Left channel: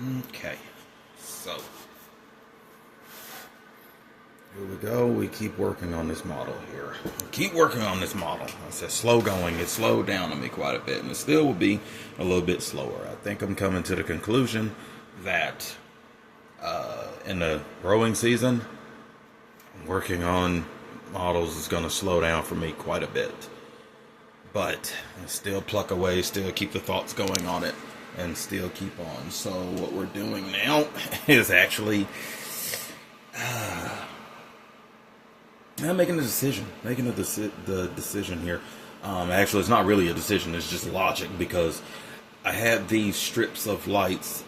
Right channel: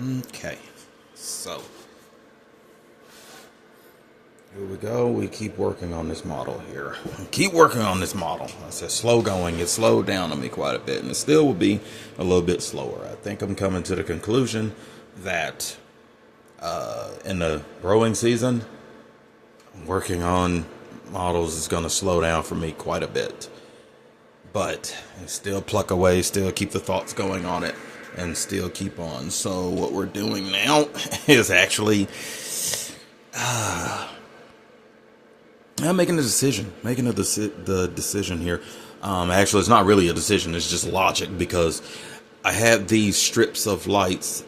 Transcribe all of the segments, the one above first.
Okay, so here we go. We keep working on this model here. Keep working on this model. I said slow going. It slowed down on me quite a bit, and it still will be a little bit slower. I think I'm coming to the conclusion that in the growing season, working on models is going to slow down for me quite a bit. But still pluck away, still keep the thoughts going on it, and still keep on. So what we're doing now is actually I'm making a decision. The decision here. Actually, it's not really a decision. It's just logic, because I had these strips of lights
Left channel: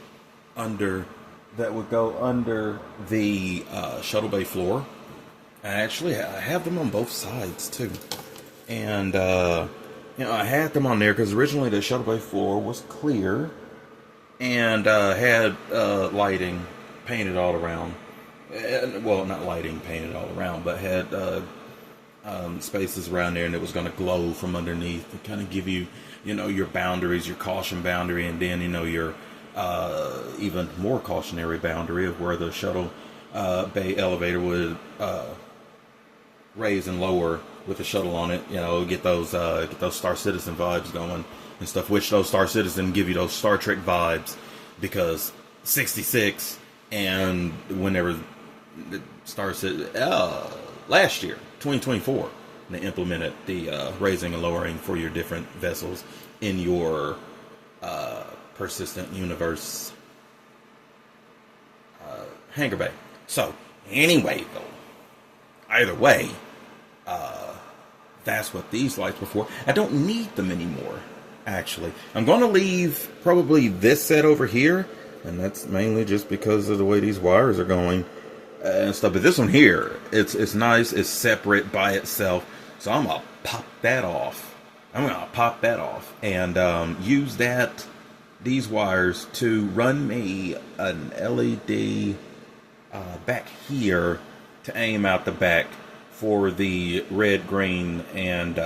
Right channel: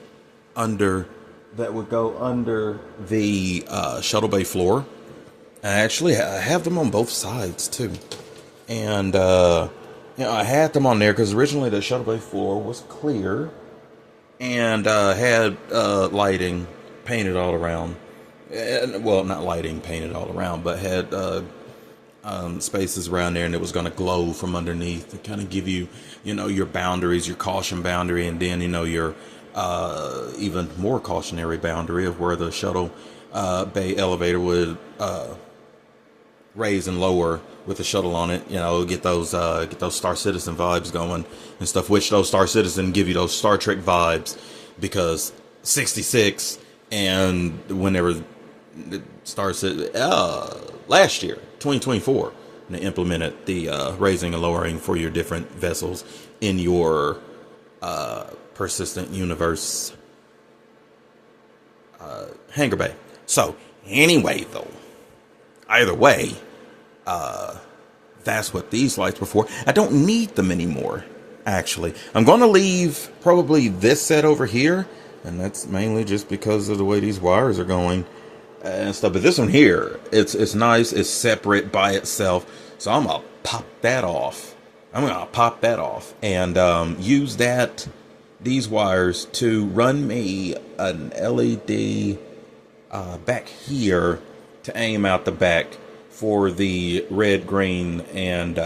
under that would go under the shuttle bay floor. And actually, I have them on both sides too. And I had them on there because originally the shuttle bay floor was clear and had lighting painted all around. Well, not lighting painted all around, but had spaces around there, and it was going to glow from underneath to kind of give you, your boundaries, your caution boundary, and then, your even more cautionary boundary of where the shuttle bay elevator would raise and lower with the shuttle on it. Get those Star Citizen vibes going and stuff. Which those Star Citizen give you those Star Trek vibes, because 66 and whenever the Star Citizen last year 2024 they implemented the raising and lowering for your different vessels in your persistent universe hangar bay. So anyway, though, either way, that's what these lights were for. I don't need them anymore, actually. I'm going to leave probably this set over here, and that's mainly just because of the way these wires are going and stuff. But this one here, it's nice. It's separate by itself. So I'm going to pop that off. And use these wires to run me an LED back here to aim out the back for the red, green, and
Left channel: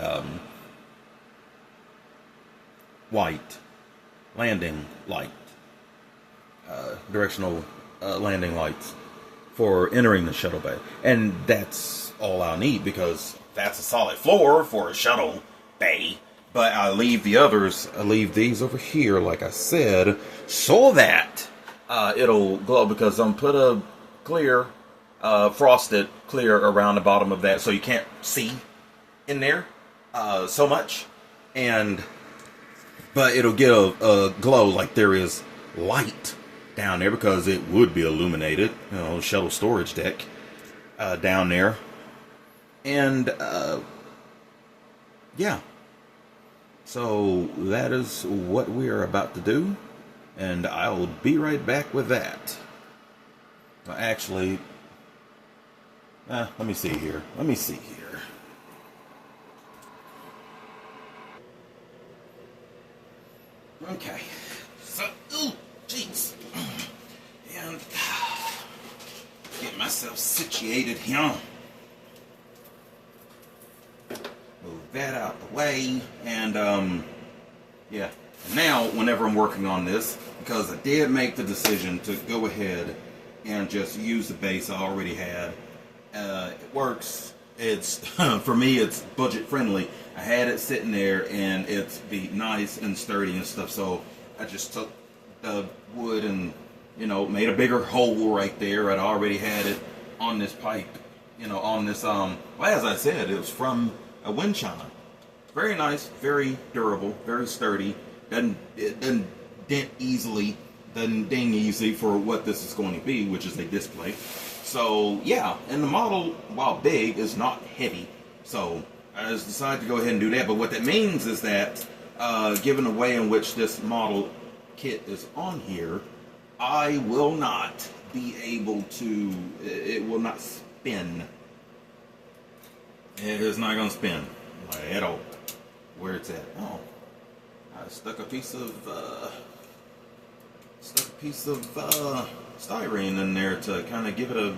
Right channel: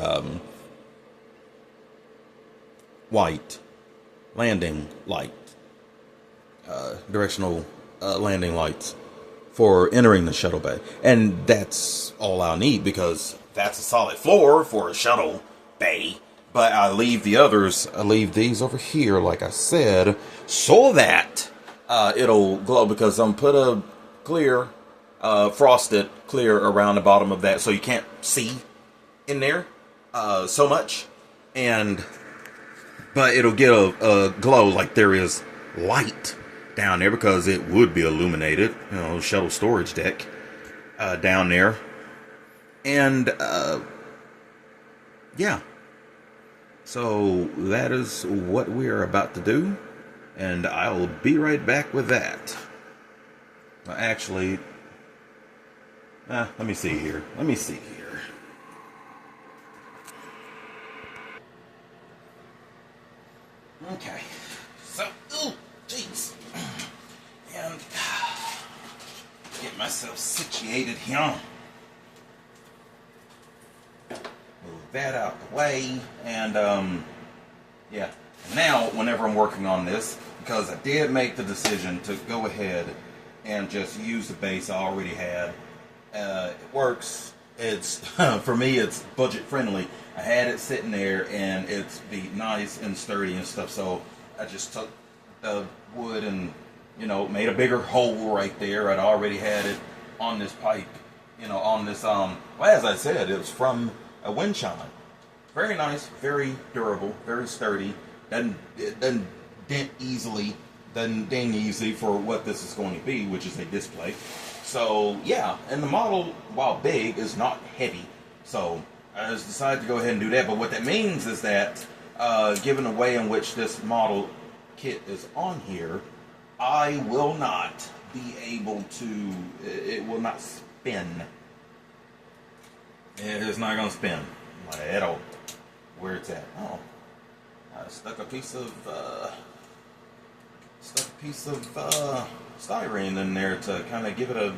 white landing light, directional landing lights for entering the shuttle bay. And that's all I'll need, because that's a solid floor for a shuttle bay. But I leave these over here, like I said, so that it'll glow, because I'm put a clear frosted clear around the bottom of that, so you can't see in there so much, but it'll get a glow like there is light down there, because it would be illuminated, shuttle storage deck down there. And yeah, so that is what we are about to do, and I'll be right back with that. Actually, let me see here. Okay. So, jeez. And get myself situated here. Move that out the way. And, yeah. And now, whenever I'm working on this, because I did make the decision to go ahead and just use the base I already had. It works. It's for me, it's budget friendly. I had it sitting there, and it's be nice and sturdy and stuff. So I just took the wood and made a bigger hole right there. I'd already had it on this pipe, on this well, as I said, it was from a wind chime. Very nice, very durable, very sturdy. It doesn't dent easily. Doesn't ding easy for what this is going to be, which is a display. So yeah, and the model, while big, is not heavy. So I just decided to go ahead and do that. But what that means is that, given the way in which this model kit is on here, I will not be able to. It will not spin. It is not going to spin at all. Where it's at? Oh, I stuck a piece of. Styrene in there to kind of give it a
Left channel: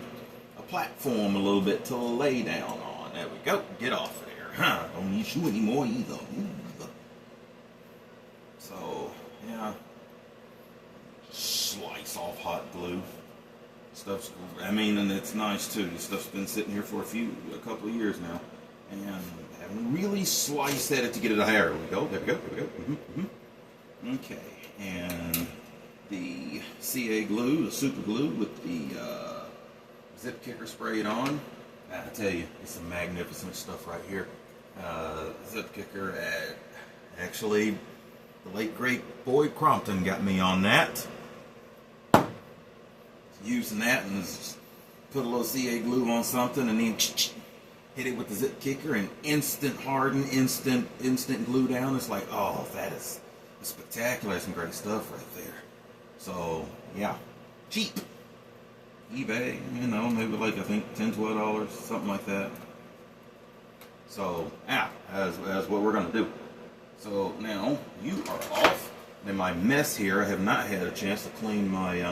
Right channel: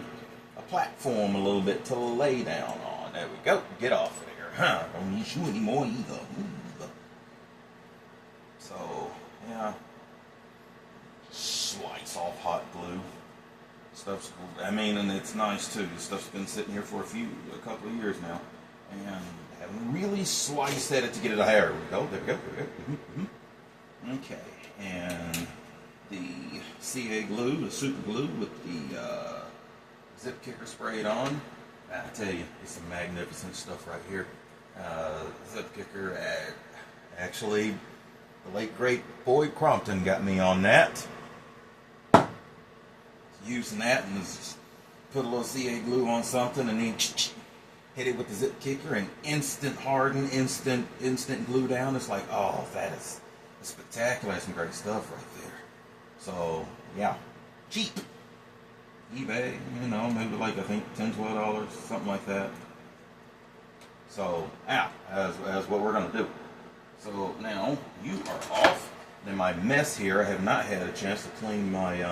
platform a little bit to lay down on. There we go. Get off of there. Don't need you anymore either. So, yeah. Slide soft hot glue. Stuff's, I mean, and it's nice too. The stuff's been sitting here for a couple of years now, and haven't really sliced at it to get it out. There we go. There we go. There we go. Okay, and the CA glue, the super glue with the zip kicker sprayed on. I tell you, it's some magnificent stuff right here. Zip kicker. Actually, the late great Boyd Crompton got me on that. Using that and just put a little CA glue on something and then hit it with the zip kicker and instant harden, instant glue down. It's like, oh, that is spectacular. That's some great stuff right there. So yeah, cheap. eBay, you know, maybe like I think $10, $12, something like that. So yeah, as what we're gonna do. So now you are off. In my mess here, I have not had a chance to clean my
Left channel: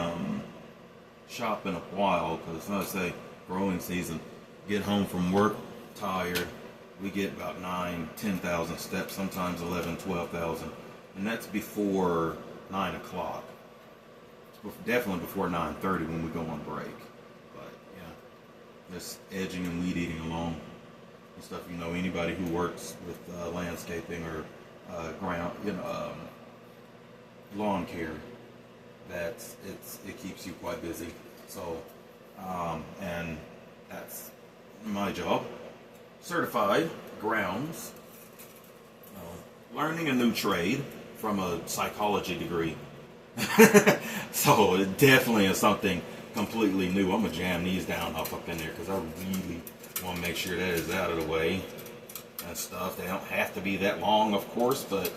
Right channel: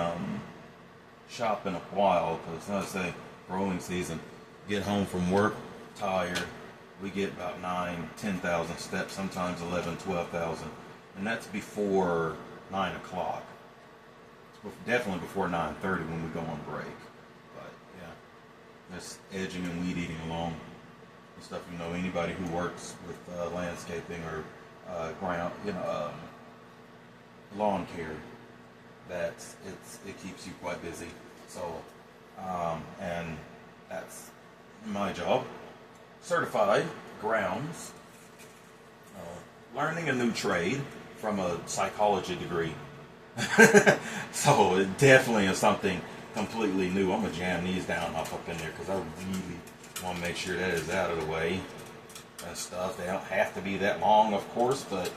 shop in a while because, let's say, growing season. Get home from work tired. We get about 9,000-10,000 steps, sometimes 11,000, 12,000, and that's before 9 o'clock. Definitely before 9:30 when we go on break. But yeah, just edging and weed eating along and stuff. You know, anybody who works with landscaping or ground, you know, lawn care, it keeps you quite busy. So, and that's my job. Certified grounds, learning a new trade from a psychology degree. So it definitely is something completely new. I'm gonna jam these down up in there because I really want to make sure that is out of the way and stuff. They don't have to be that long, of course, but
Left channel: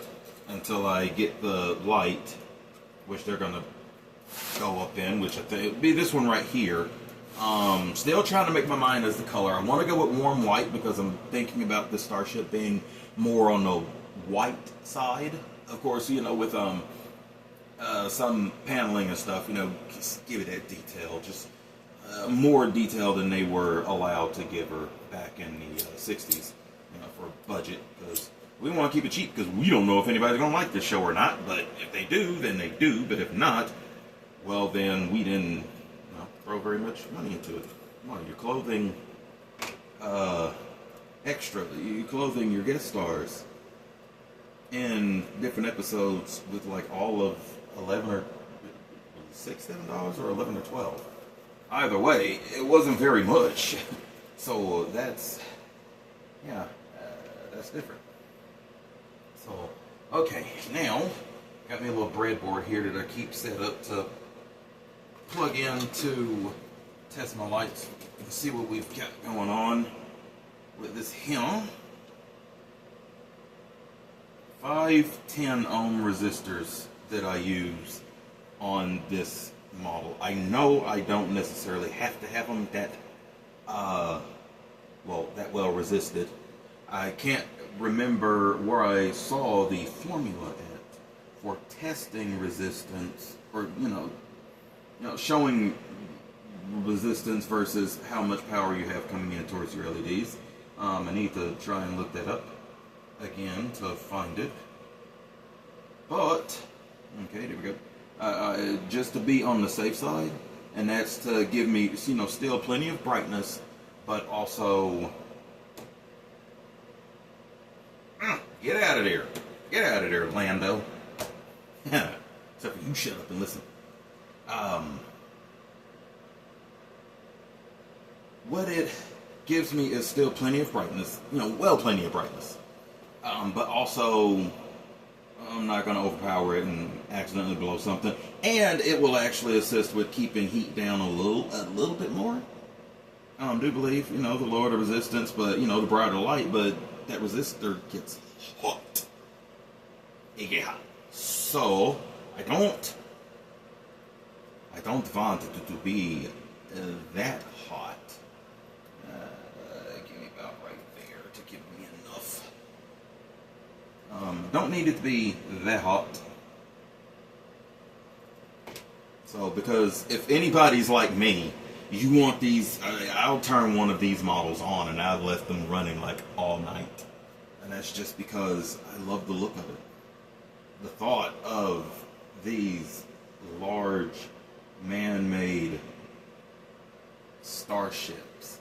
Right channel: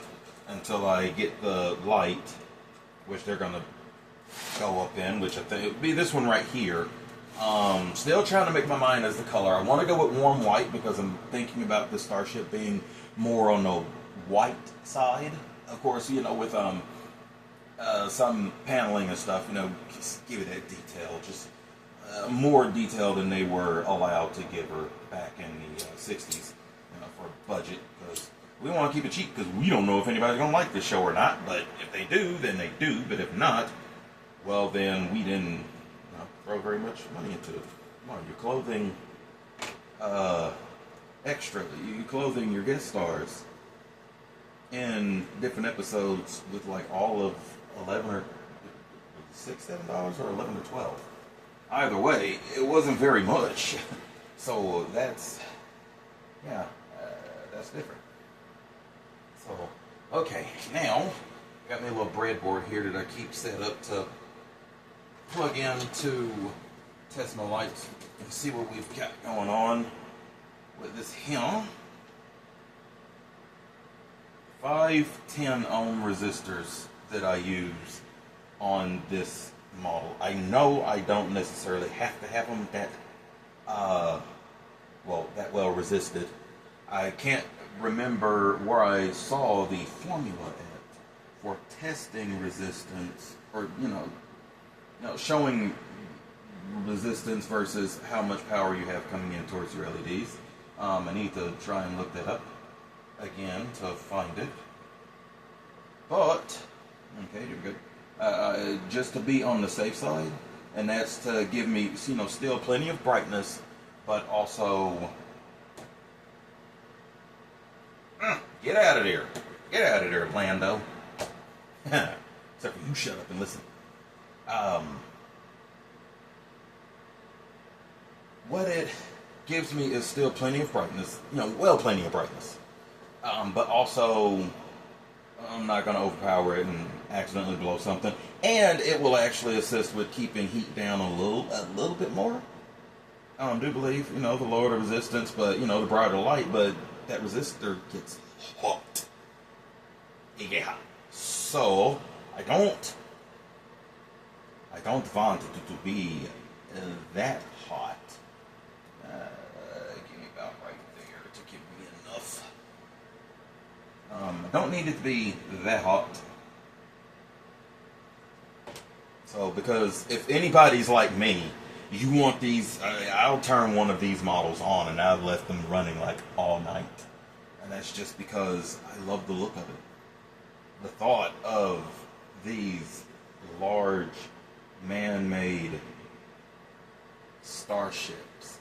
until I get the light, which they're gonna go up in, which I think it'd be this one right here. Still trying to make my mind as the color. I want to go with warm white because I'm thinking about the Starship being more on the white side. Of course, you know, with some paneling and stuff, you know, just give it that detail, just more detail than they were allowed to give her back in the 60s, you know, for a budget, because we want to keep it cheap because we don't know if anybody's going to like this show or not. But if they do, then they do. But if not, well, then we didn't throw very much money into it. Come on, you're clothing extra. You're clothing your guest stars in different episodes with like all of 11 or $6, $7 or 11 or 12. Either way, it wasn't very much. So that's, yeah, that's different. So, okay, now got me a little breadboard here that I keep set up to plug in to test my lights and see what we've got going on with this here. 510 ohm resistors that I use on this model. I know I don't necessarily have to have them that well resisted. I can't remember where I saw the formula at for testing resistance, or you know, showing resistance versus how much power you have coming in towards your LEDs. I need to try and look that up again to find it. But okay, there we go. Just to be on the safe side, and that's to give me, you know, still plenty of brightness, but also get out of there, Lando. Except for you, shut up and listen. What it gives me is still plenty of brightness, you know, well, plenty of brightness. But also, I'm not going to overpower it and accidentally blow something. And it will actually assist with keeping heat down a little bit more. I do believe, you know, the lower the resistance, but, you know, the brighter the light, but that resistor gets hot. It gets hot. So, I don't want it to be that hot. Give me about right there to give me enough. I don't need it to be that hot. So, because if anybody's like me, you want these, I'll turn one of these models on and I've left them running like all night. And that's just because I love the look of it. The thought of these large man-made starships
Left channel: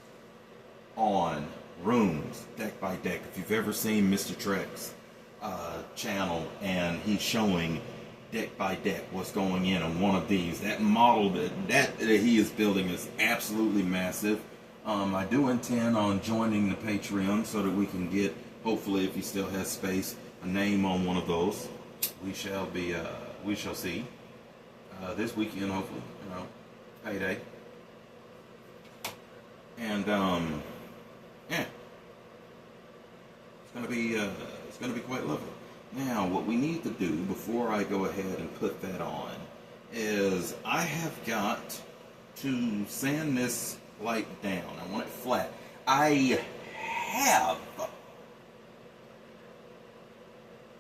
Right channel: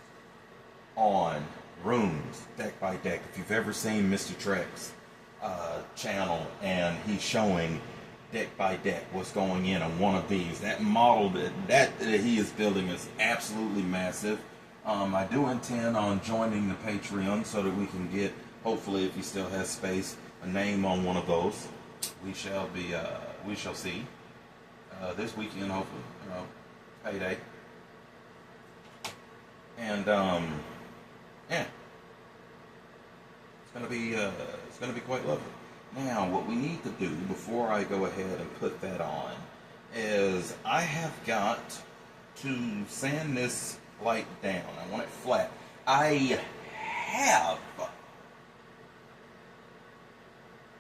on rooms, deck by deck. If you've ever seen Mr. Trek's channel, and he's showing deck by deck what's going in on one of these, that model that he is building is absolutely massive. I do intend on joining the Patreon so that we can get, hopefully, if he still has space, a name on one of those. We shall see this weekend, hopefully, payday. And yeah, it's gonna be quite lovely. Now, what we need to do before I go ahead and put that on is I have got to sand this light down. I want it flat. I have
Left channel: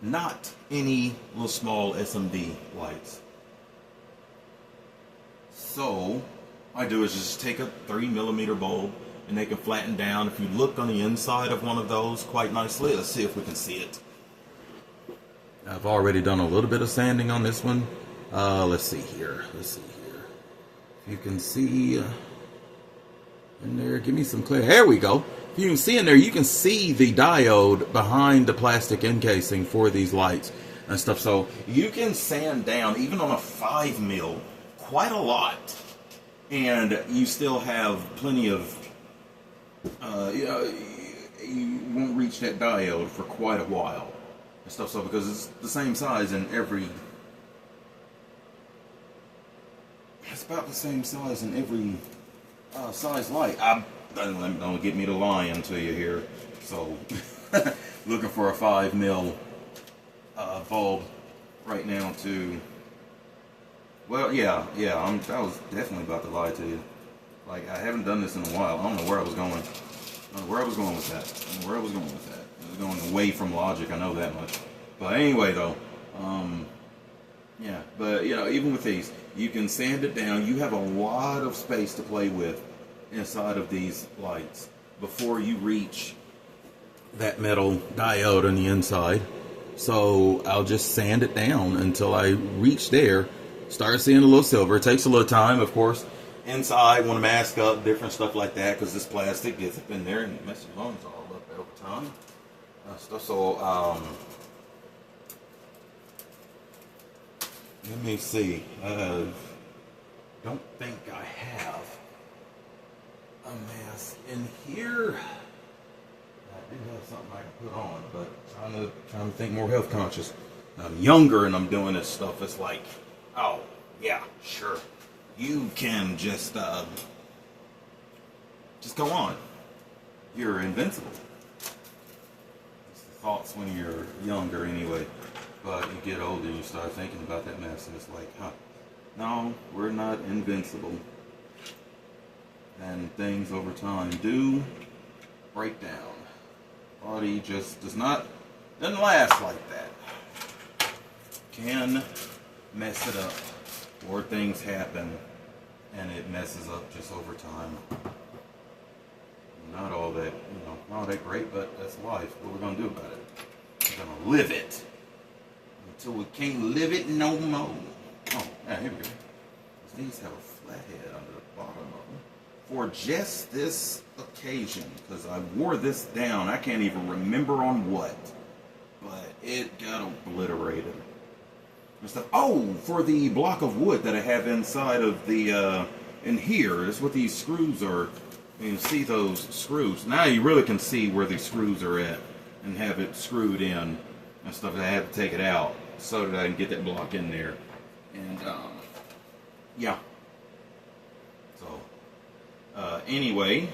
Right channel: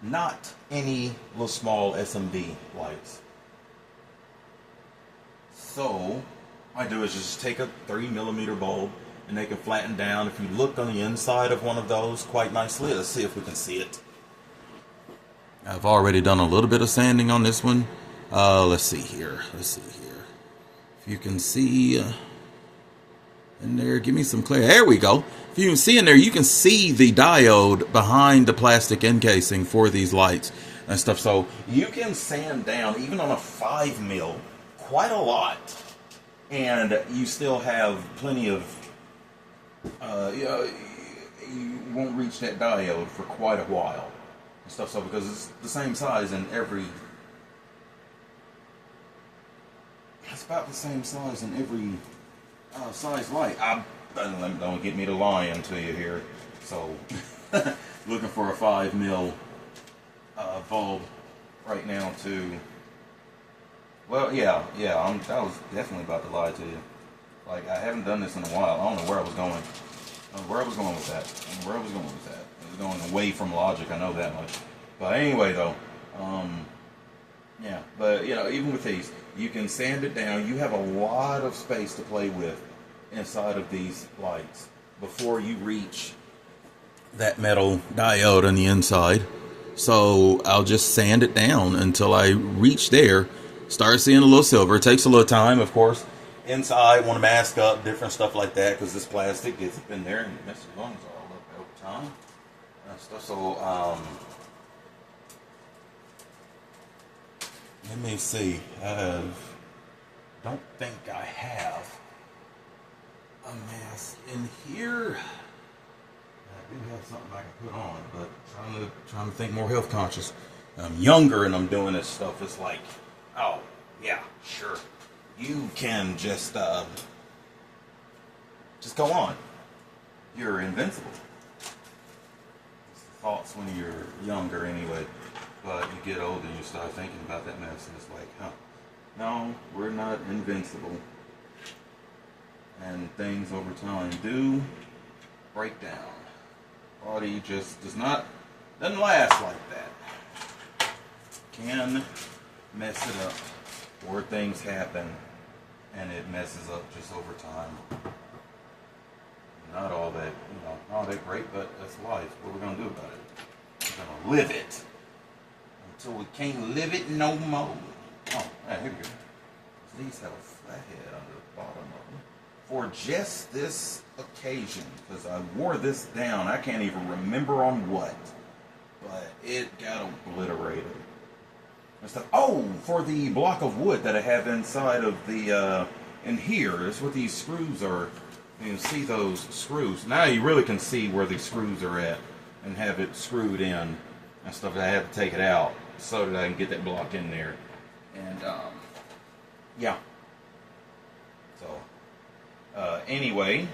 not any little small SMD lights. So, what I do is just take a 3mm bulb and they can flatten down. If you look on the inside of one of those quite nicely, let's see if we can see it. I've already done a little bit of sanding on this one. Let's see here. If you can see in there, give me some clear. There we go. If you can see in there, you can see the diode behind the plastic encasing for these lights and stuff. So you can sand down, even on a 5mm, quite a lot. And you still have plenty of, you won't reach that diode for quite a while. And stuff, so because it's the same size in every, it's about the same size in every size light. Don't get me to lying to you here. So, looking for a 5mm bulb right now to, well, yeah, I was definitely about to lie to you. Like, I haven't done this in a while. I don't know where I was going. Where I was going with that. I was going away from logic, I know that much. But anyway, though, yeah. But, even with these, you can sand it down. You have a lot of space to play with inside of these lights before you reach that metal diode on the inside. So I'll just sand it down until I reach there, start seeing a little silver. It takes a little time, of course. Inside, want to mask up, different stuff like that, because this plastic gets up in there and messes your lungs all up over time. Stuff. So, let me see. Don't think I have a mask in here. I do have something I can put on, but trying to think more health conscious. I'm younger and I'm doing this stuff. It's like, oh yeah, sure. You can just go on. You're invincible. It's the thoughts when you're younger anyway. But you get older and you start thinking about that mess and it's like, no, we're not invincible. And things over time do break down. Body just doesn't last like that. Can mess it up, or things happen and it messes up just over time. Not all that great, but that's life. What are we gonna do about it? We're gonna live it until we can't live it no more. Oh, yeah, here we go. These have a flathead under the bottom of them for just this occasion, because I wore this down. I can't even remember on what, but it got obliterated and stuff. Oh, for the block of wood that I have inside of the in here. That's what these screws are. You can see those screws. Now you really can see where these screws are at and have it screwed in and stuff. I have to take it out so that I can get that block in there. And yeah. So anyway,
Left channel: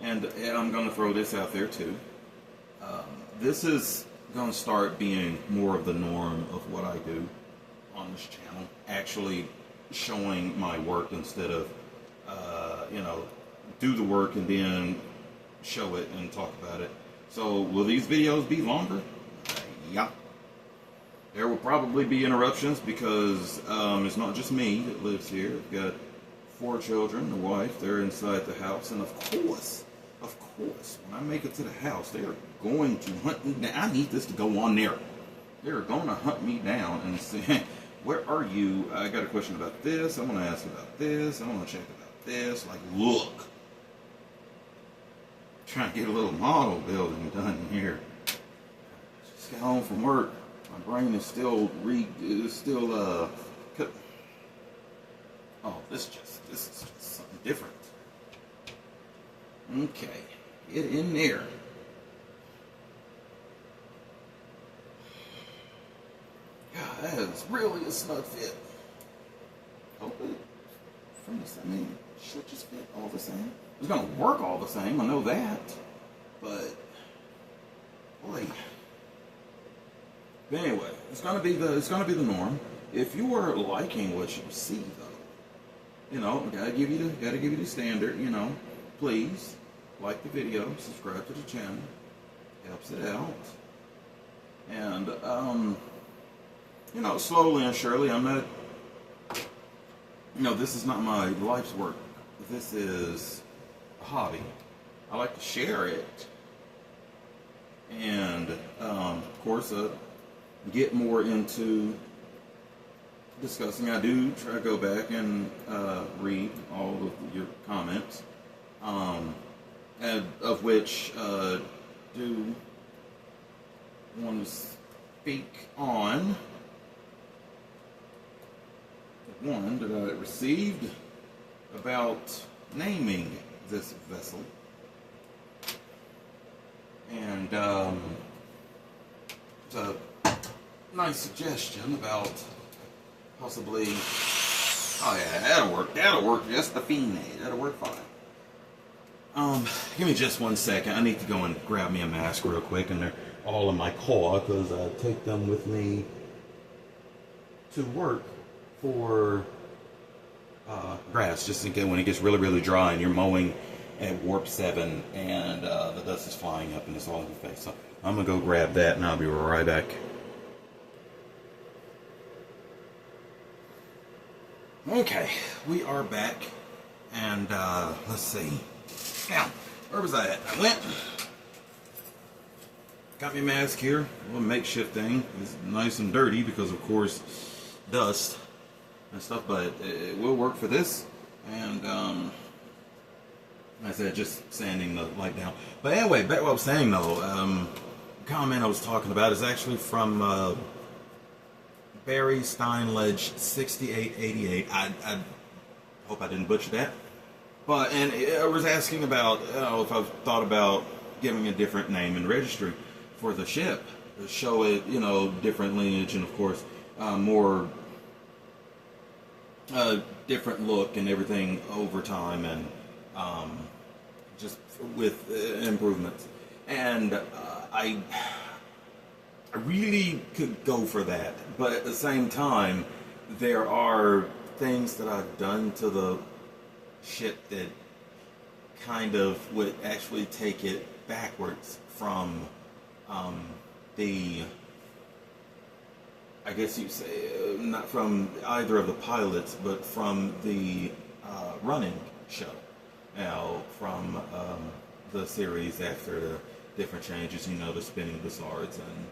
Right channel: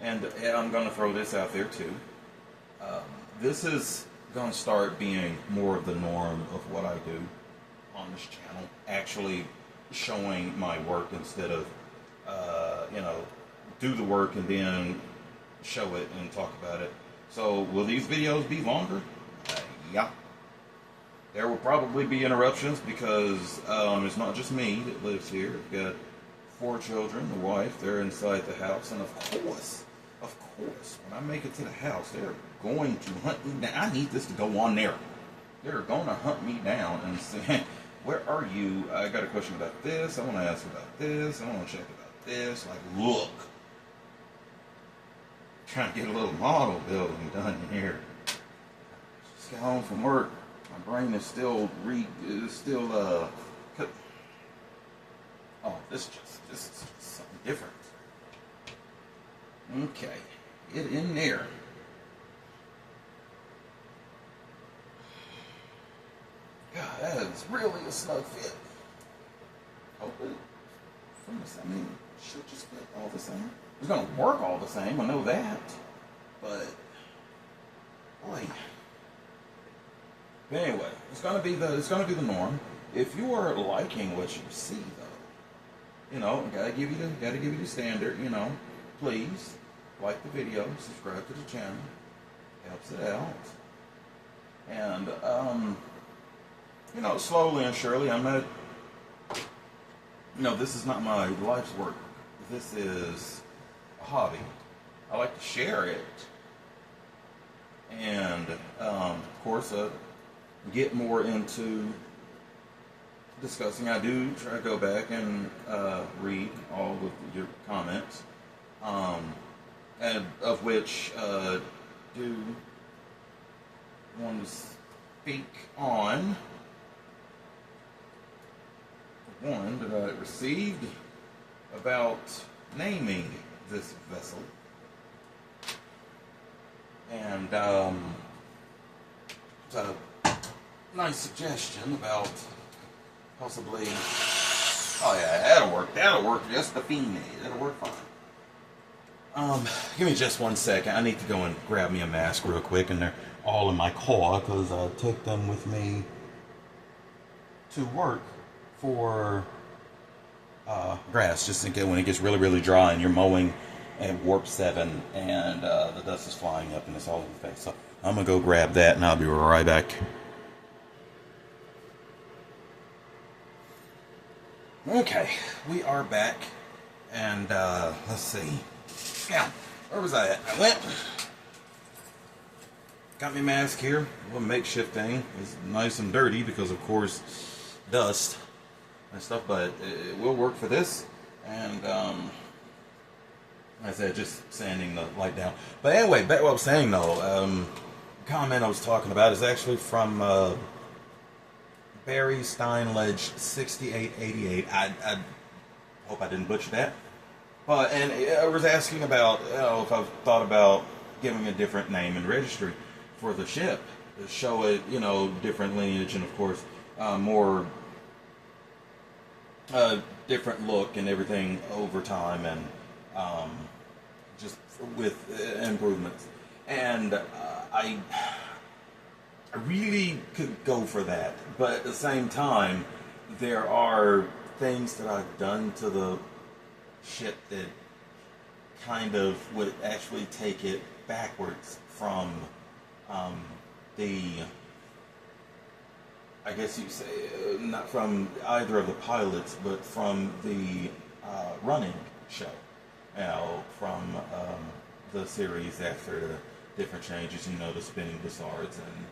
and I'm going to throw this out there too. This is going to start being more of the norm of what I do on this channel. Actually showing my work instead of, do the work and then show it and talk about it. So will these videos be longer? Yeah. There will probably be interruptions because it's not just me that lives here. I've got 4 children, a wife, they're inside the house, and of course, when I make it to the house, they're going to hunt me down. I need this to go on there. They're gonna hunt me down and say, where are you? I got a question about this. I want to ask about this. I want to check about this. Like, look. Trying to get a little model building done here. Just got home from work. My brain is still oh, this is just something different. Okay, get in there. God, that is really a snug fit. Hopefully, I mean, it should just fit all the same. It's gonna work all the same. I know that, but boy. But anyway, it's gonna be the norm. If you are liking what you see, though, you know, gotta give you the standard. You know, please like the video, subscribe to the channel, helps it out, and you know, slowly and surely, I'm not. You know, this is not my life's work. This is a hobby. I like to share it, and of course, get more into discussing. I do try to go back and read all of your comments, and of which do want to speak on one that I received about naming this vessel, and it's a nice suggestion about possibly. Oh yeah, that'll work. That'll work just the fine. That'll work fine. Give me just 1 second. I need to go and grab me a mask real quick, and they're all in my car because I take them with me to work for grass, just in case when it gets really, really dry and you're mowing at warp 7 and the dust is flying up and it's all in your face. So I'm gonna go grab that and I'll be right back. Okay, we are back, and let's see. Yeah, where was I at? I went. Got me a mask here, a little makeshift thing. It's nice and dirty because, of course, dust and stuff, but it will work for this. And like I said, just sanding the light down. But anyway, back to what I was saying though. The comment I was talking about is actually from Barry Steinledge 6888. I hope I didn't butcher that. But and I was asking about if I've thought about giving a different name and registry for the ship to show it, different lineage and of course more different look and everything over time, and just with improvements. And I really could go for that, but at the same time, there are things that I've done to the ship that kind of would actually take it backwards from I guess you'd say, not from either of the pilots, but from the running show. Now, from the series after the different changes, the spinning brassards and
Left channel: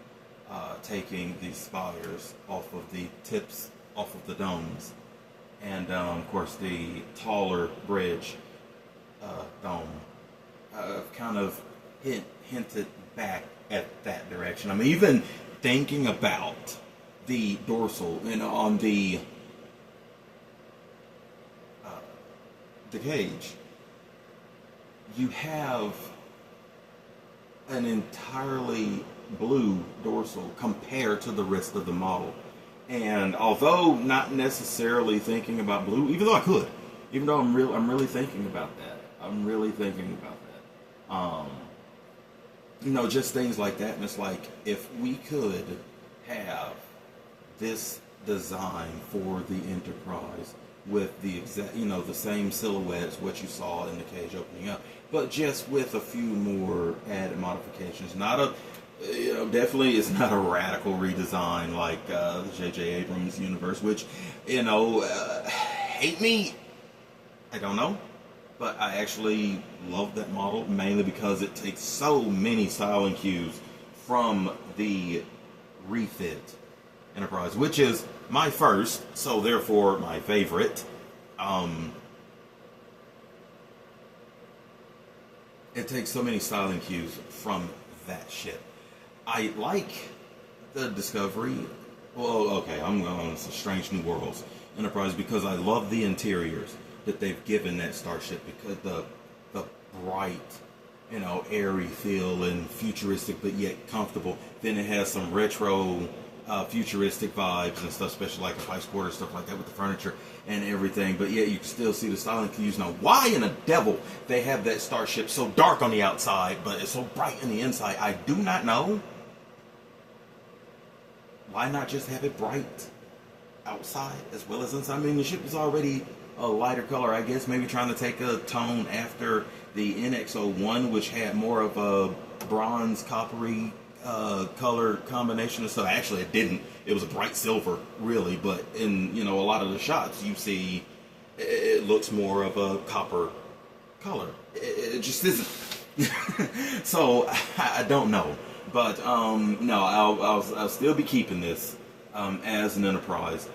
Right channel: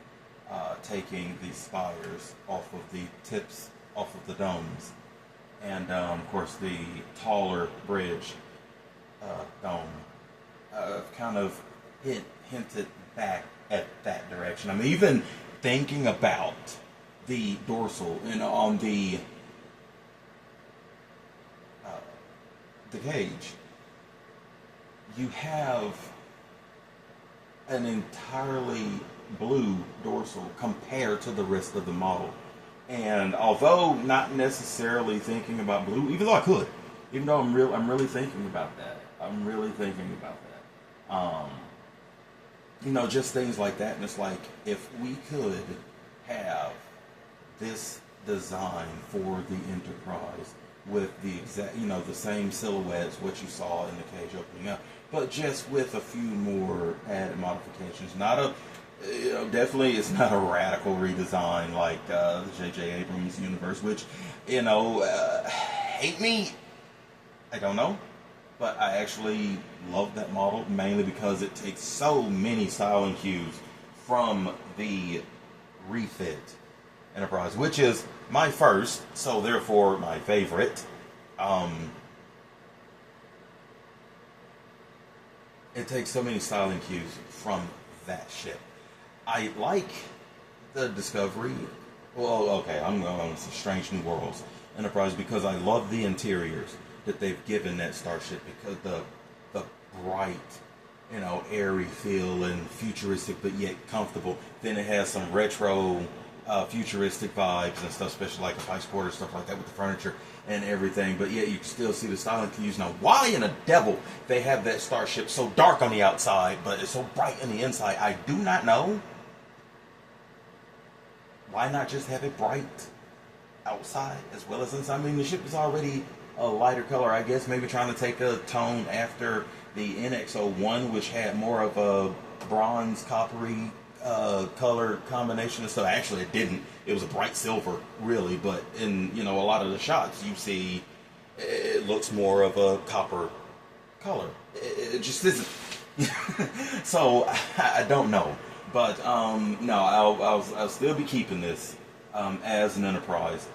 taking the spires off of the tips, off of the domes, and of course the taller bridge dome. Kind of hinted back at that direction. I'm even thinking about the dorsal, on the cage. You have an entirely blue dorsal compared to the rest of the model. And although not necessarily thinking about blue, even though I could, even though I'm really thinking about that. I'm really thinking about that. Just things like that. And it's like, if we could have this design for the Enterprise with the exact, the same silhouettes, what you saw in the cage opening up, but just with a few more added modifications. Not a, definitely it's not a radical redesign like the J.J. Abrams universe, which, hate me, I don't know, but I actually love that model, mainly because it takes so many styling cues from the refit Enterprise, which is my first, so therefore my favorite. It takes so many styling cues from that ship. I like the Discovery. Well, okay, I'm going on Strange New Worlds Enterprise because I love the interiors that they've given that starship, because the bright, airy feel and futuristic but yet comfortable. Then it has some retro futuristic vibes and stuff, especially like a vice quarter, stuff like that with the furniture and everything. But yet you can still see the styling cues. Now, why in the devil they have that starship so dark on the outside but it's so bright on the inside, I do not know. Why not just have it bright outside as well as inside? I mean, the ship is already a lighter color, I guess. Maybe trying to take a tone after the NX-01, which had more of a bronze, coppery color combination and stuff. Actually, it didn't. It was a bright silver, really. But in a lot of the shots, you see it looks more of a copper color. It just isn't. So I don't know. But no, I'll still be keeping this as an Enterprise.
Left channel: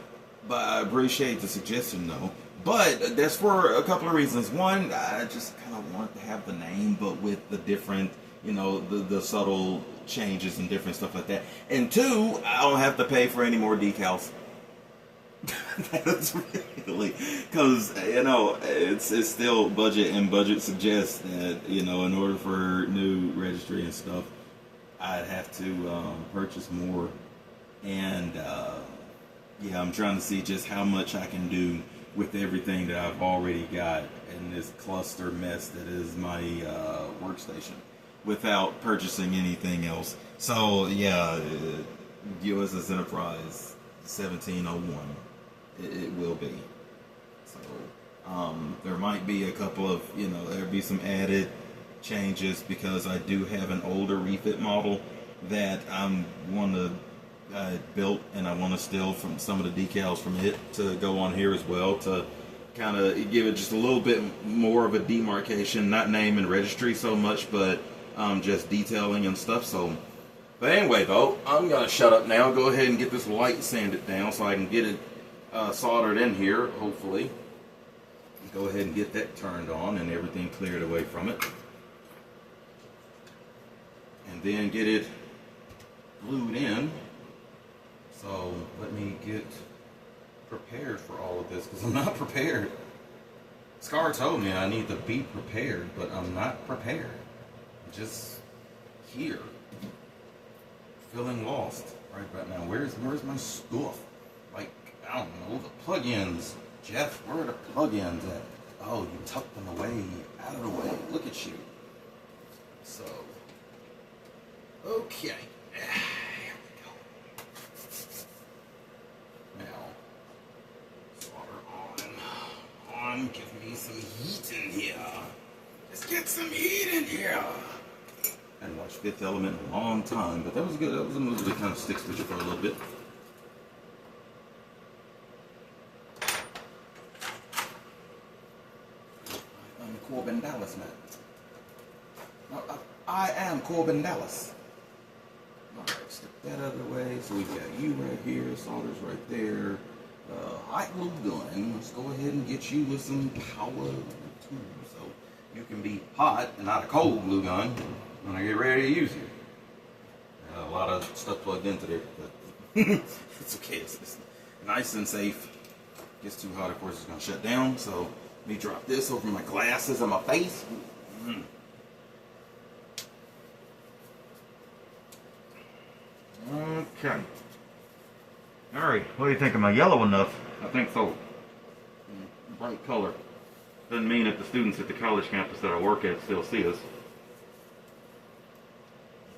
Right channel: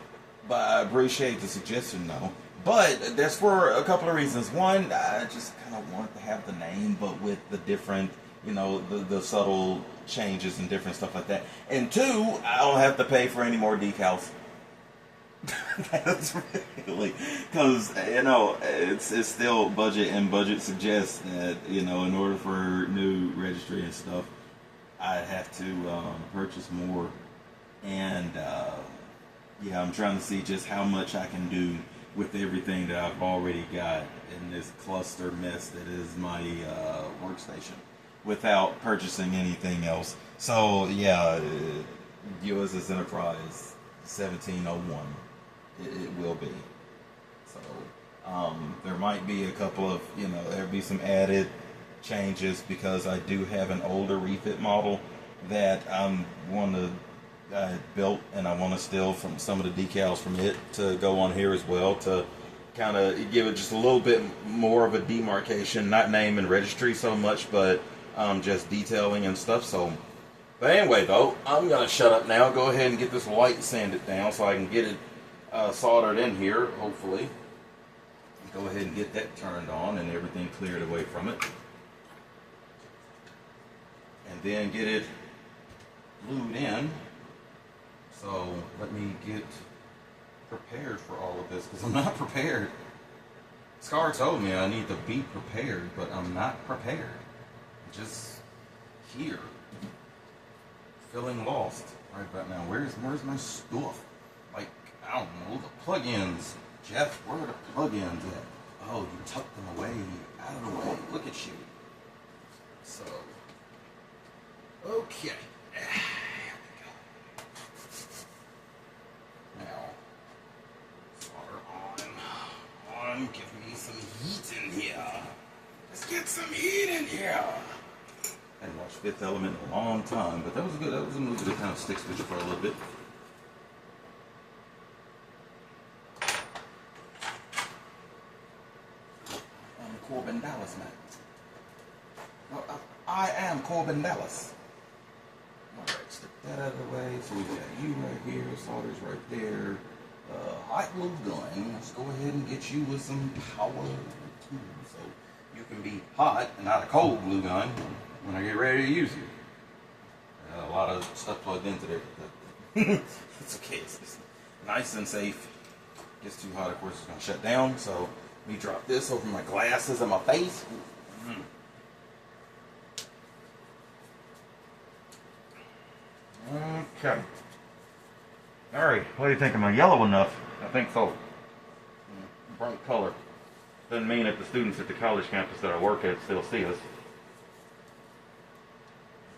But I appreciate the suggestion, though. But that's for a couple of reasons. One, I just kind of want to have the name, but with the different, the subtle changes and different stuff like that. And two, I don't have to pay for any more decals. That's really, because it's still budget, and budget suggests that in order for new registry and stuff, I'd have to purchase more. And yeah, I'm trying to see just how much I can do with everything that I've already got in this cluster mess that is my workstation, without purchasing anything else. So yeah, USS Enterprise 1701, it will be. So there might be a couple of, there'll be some added changes, because I do have an older refit model that I'm want to built, and I want to steal from some of the decals from it to go on here as well, to kind of give it just a little bit more of a demarcation, not name and registry so much, but just detailing and stuff. So, but anyway, though, I'm gonna shut up now. Go ahead and get this light sanded down so I can get it soldered in here, hopefully. Go ahead and get that turned on and everything cleared away from it, and then get it glued in. So let me get prepared for all of this, because I'm not prepared. Scar told me I need to be prepared, but I'm not prepared. I'm just here, feeling lost right now. Where's my stuff? Like, I don't know, the plugins. Jeff, where are the plugins at? Oh, you tucked them away, out of the way. Look at you. So, okay. Give me some heat in here. Let's get some heat in here. I hadn't watched Fifth Element in a long time, but that was good. That was a movie that kind of sticks with you for a little bit. I'm Corbin Dallas now. I am Corbin Dallas. Alright, stick that out of the way. So we've got you right here, solder's right there. Hot glue gun. Let's go ahead and get you with some power too, so you can be hot and not a cold glue gun when I get ready to use you. A lot of stuff plugged into there, but it's okay. It's nice and safe. Gets too hot, of course, it's gonna shut down. So let me drop this over my glasses on my face. Okay. Alright, what do you think? Am I yellow enough? I think so. Bright color. Doesn't mean that the students at the college campus that I work at still see us.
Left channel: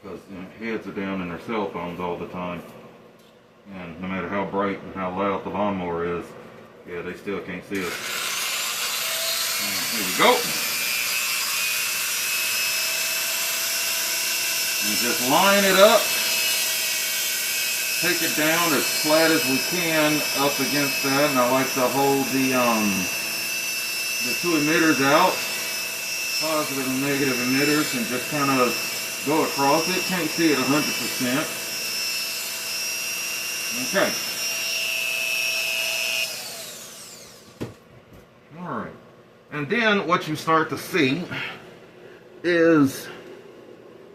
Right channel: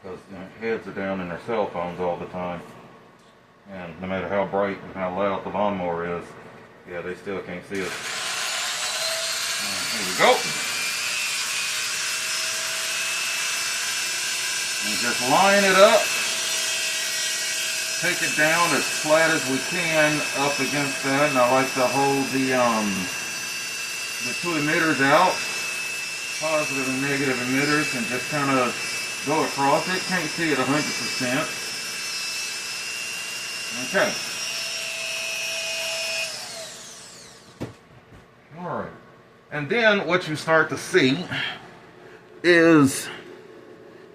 Because heads are down in their cell phones all the time. And no matter how bright and how loud the lawnmower is, yeah, they still can't see us. Here we go. And just line it up. Take it down as flat as we can up against that, and I like to hold the two emitters out, positive and negative emitters, and just kind of go across it. Can't see it 100%, Okay. Alright. And then what you start to see is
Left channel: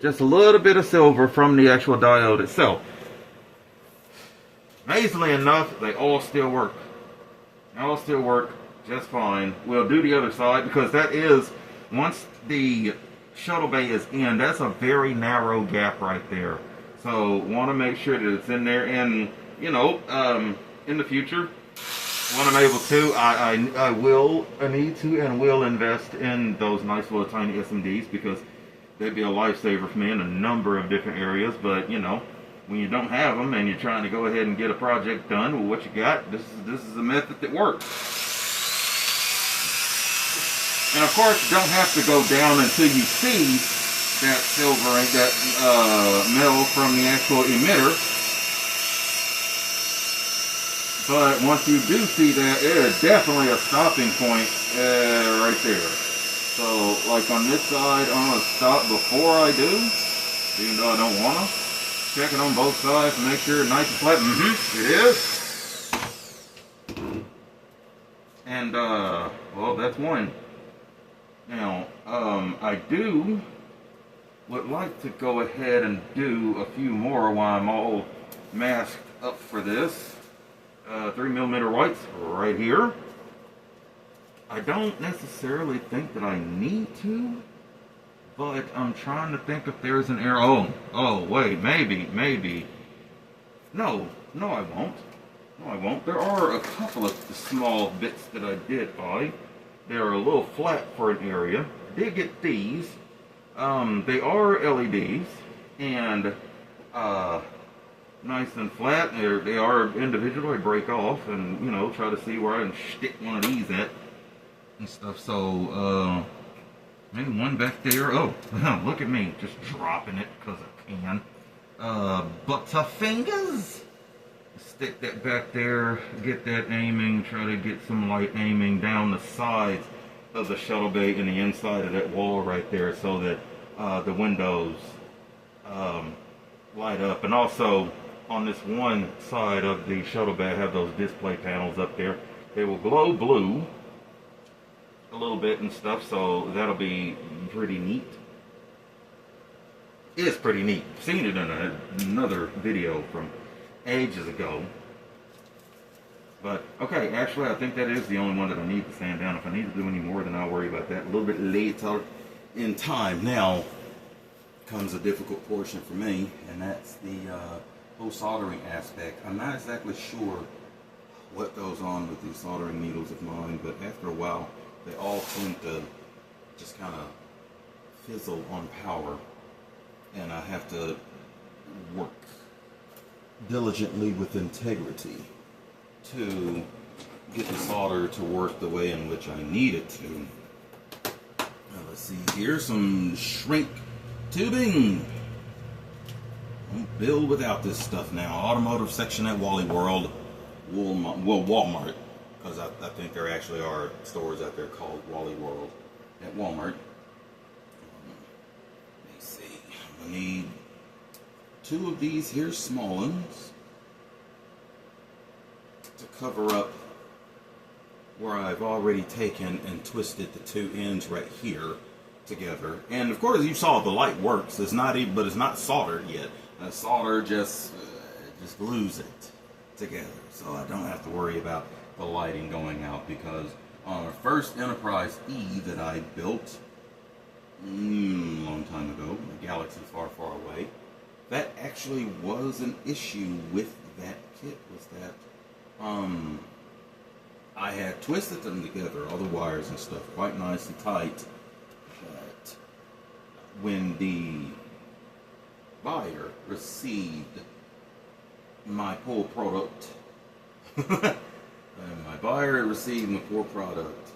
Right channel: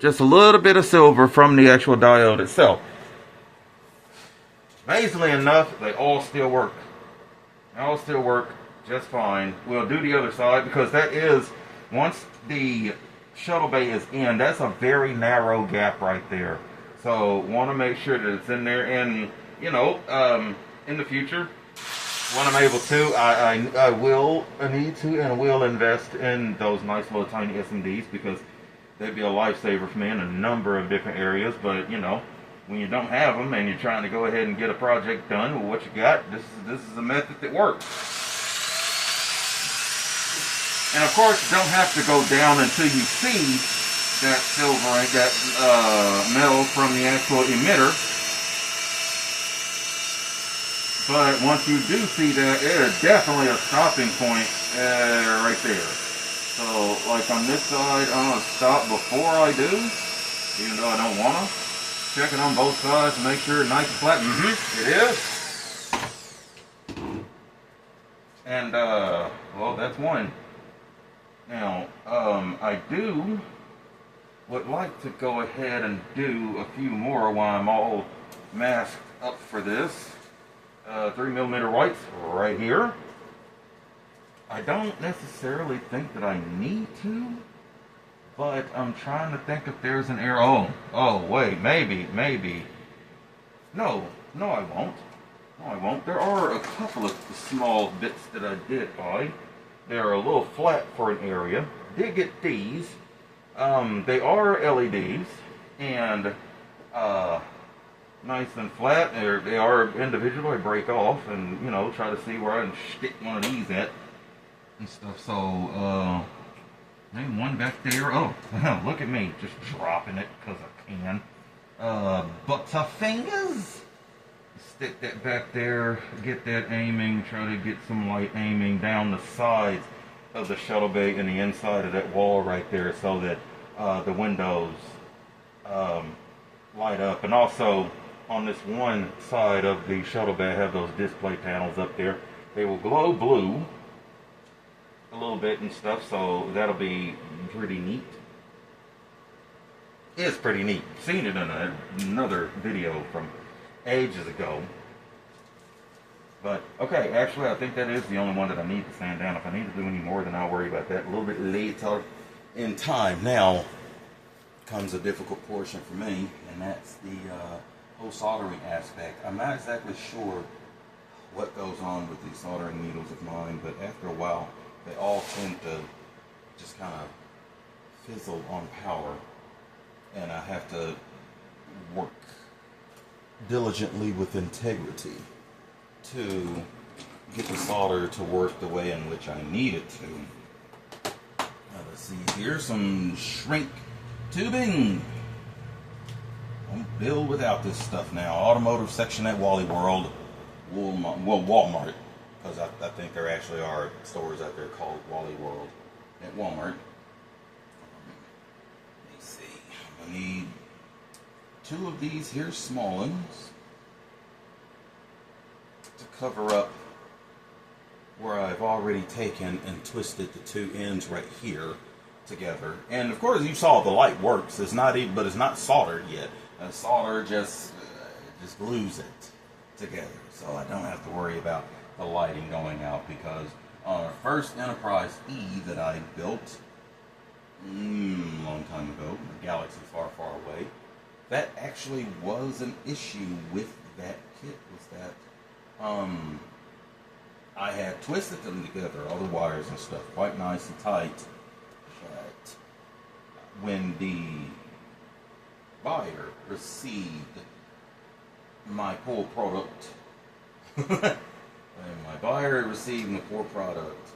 just a little bit of silver from the actual diode itself. Amazingly enough, they all still work. They all still work just fine. We'll do the other side because that is, once the shuttle bay is in, that's a very narrow gap right there. So want to make sure that it's in there. And you know, in the future, when I'm able to, I will need to and will invest in those nice little tiny SMDs because they'd be a lifesaver for me in a number of different areas. But you know, when you don't have them and you're trying to go ahead and get a project done with what you got, this is a method that works. And of course, you don't have to go down until you see that silver, that metal from the actual emitter. But once you do see that, it is definitely a stopping point right there. So, like on this side, I'm going to stop before I do, even though I don't want to. Check it on both sides to make sure it's nice and flat. It is. And, well, that's one. Now, I would like to go ahead and do a few more while I'm all masked up for this. 3mm whites right here. I don't necessarily think that I need to, but I'm trying to think if there's an error. Oh, wait, maybe. No, I won't. No, I won't. There are a couple of small bits that I did buy. They're a little flat for an area. Did get these. They are LEDs, and nice and flat. They are individual. I break off and, you know, try to see where I can stick one of these at and stuff. So, maybe one back there. Oh, look at me, just dropping it because I can. Butterfingers. Stick that back there, get that aiming, try to get some light aiming down the sides of the shuttle bay and the inside of that wall right there so that the windows light up. And also on this one side of the shuttle bay I have those display panels up there. They will glow blue a little bit and stuff, so that'll be pretty neat. It's pretty neat. Seen it in another video from ages ago. But okay, actually I think that is the only one that I need to sand down. If I need to do any more, then I'll worry about that a little bit later in time. Now comes a difficult portion for me, and that's the whole soldering aspect. I'm not exactly sure what goes on with these soldering needles of mine, but after a while they all tend to just kind of fizzle on power, and I have to work diligently with integrity to get the solder to work the way in which I need it to. Now let's see here, some shrink tubing. Won't build without this stuff now. Automotive section at Wally World, Walmart, because I think there actually are stores out there called Wally World at Walmart. Let me see. I need 2 of these here small ones to cover up where I've already taken and twisted the 2 ends right here together. And of course you saw the light works. It's not even, but it's not soldered yet. Solder just glues it together, so I don't have to worry about the lighting going out, because on our first Enterprise E that I built a long time ago, a galaxy far, far away, that actually was an issue with that kit, was that I had twisted them together, all the wires and stuff, quite nice and tight, but when the buyer received my poor product, and my buyer received the poor product,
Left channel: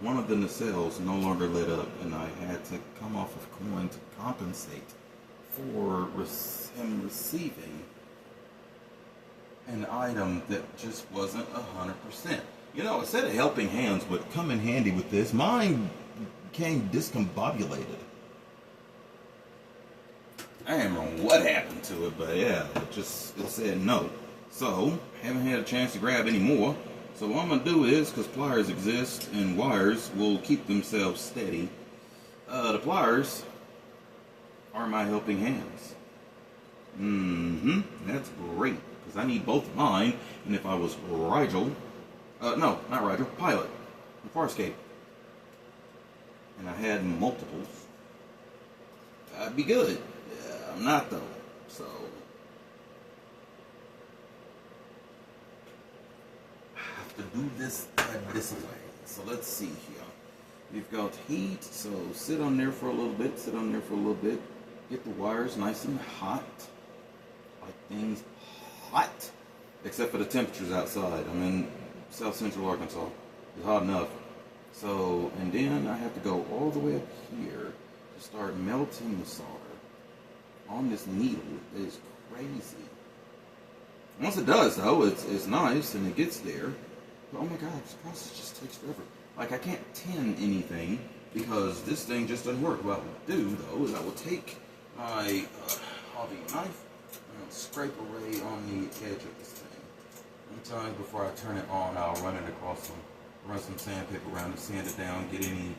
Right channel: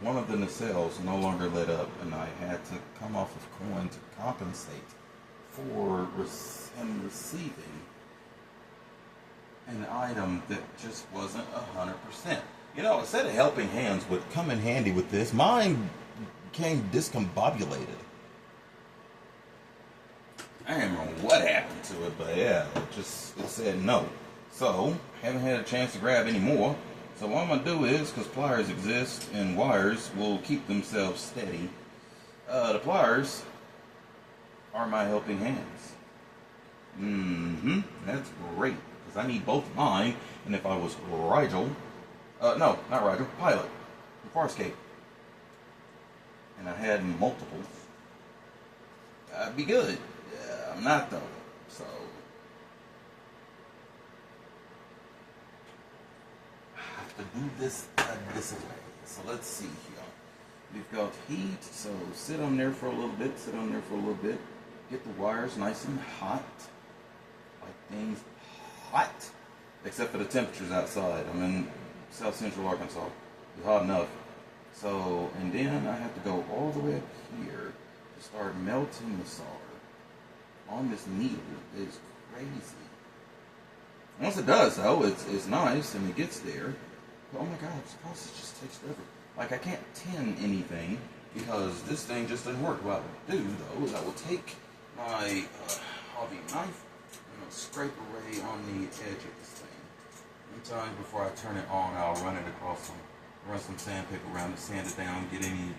one of the nacelles no longer lit up, and I had to come off of coin to compensate for him receiving an item that just wasn't 100%. You know, a set of helping hands would come in handy with this. Mine became discombobulated. I don't remember what happened to it, but yeah, it said no. So, haven't had a chance to grab any more. So what I'm going to do is, because pliers exist and wires will keep themselves steady, the pliers are my helping hands. That's great, because I need both of mine, and if I was Rigel, no, not Rigel, Pilot, in Farscape, and I had multiples, I'd be good. I'm not though, so I have to do this this way. So let's see here. We've got heat, so sit on there for a little bit, get the wires nice and hot, like things hot, except for the temperatures outside. I'm in South Central Arkansas. It's hot enough. So, and then I have to go all the way up here to start melting the solder on this needle. It's crazy. Once it does, though, it's nice and it gets there. But oh my God, this process just takes forever. Like, I can't tin anything because this thing just doesn't work. What I will do, though, is I will take my hobby knife and scrape away on the edge of this thing. Sometimes before I turn it on, I'll run it across run some sandpaper around it, sand it down, get any,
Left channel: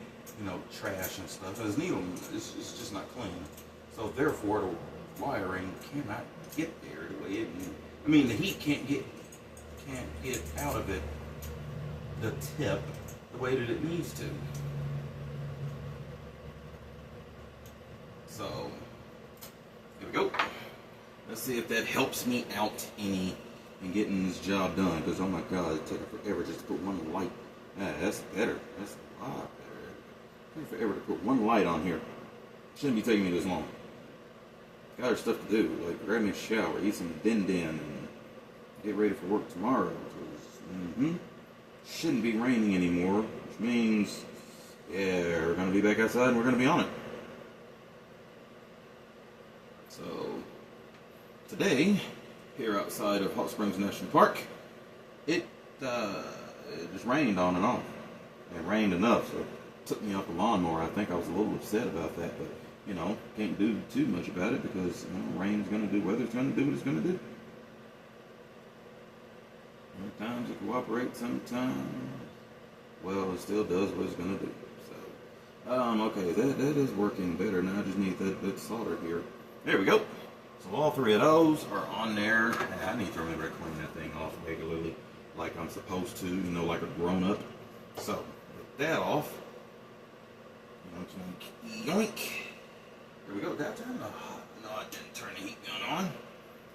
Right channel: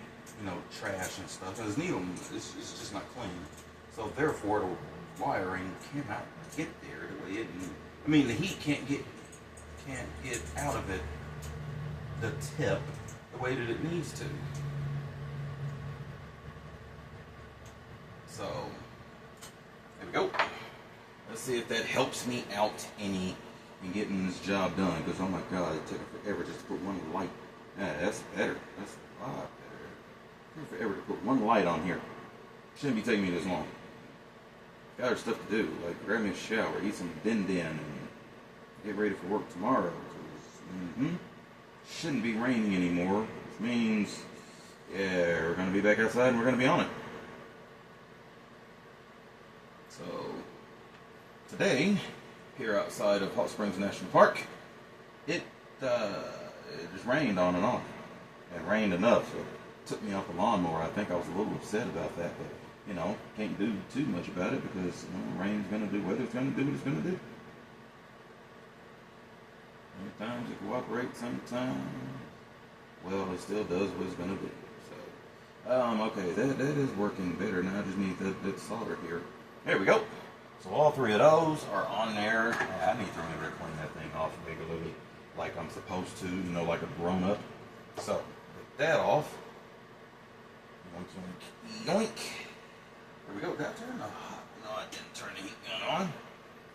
trash and stuff. Because needle, it's just not clean. So therefore, the wiring cannot get there the way the heat can't get out of it, the tip, the way that it needs to. So, there we go. Let's see if that helps me out any in getting this job done. Because, oh my God, it took forever just to put one light. Yeah, that's better. That's a lot better. It took forever to put one light on here. Shouldn't be taking me this long. Got other stuff to do, like grab me a shower, eat some din-din, and get ready for work tomorrow. Shouldn't be raining anymore, which means, yeah, we're going to be back outside and we're going to be on it. So, today, here outside of Hot Springs National Park, it just rained on and off. It rained enough, so it took me off the lawnmower. I think I was a little upset about that, but can't do too much about it because rain's going to do, weather's going to do what it's going to do. Sometimes it cooperates, sometimes, well, it still does what it's going to do. So, okay, that is working better. Now I just need that solder here. There we go. So all three of those are on there. I need to remember to clean that thing off regularly, like I'm supposed to, like a grown up. So, get that off. Yoink, yoink, yoink. There we go. Did I turn the hot? No, I didn't turn the heat gun on.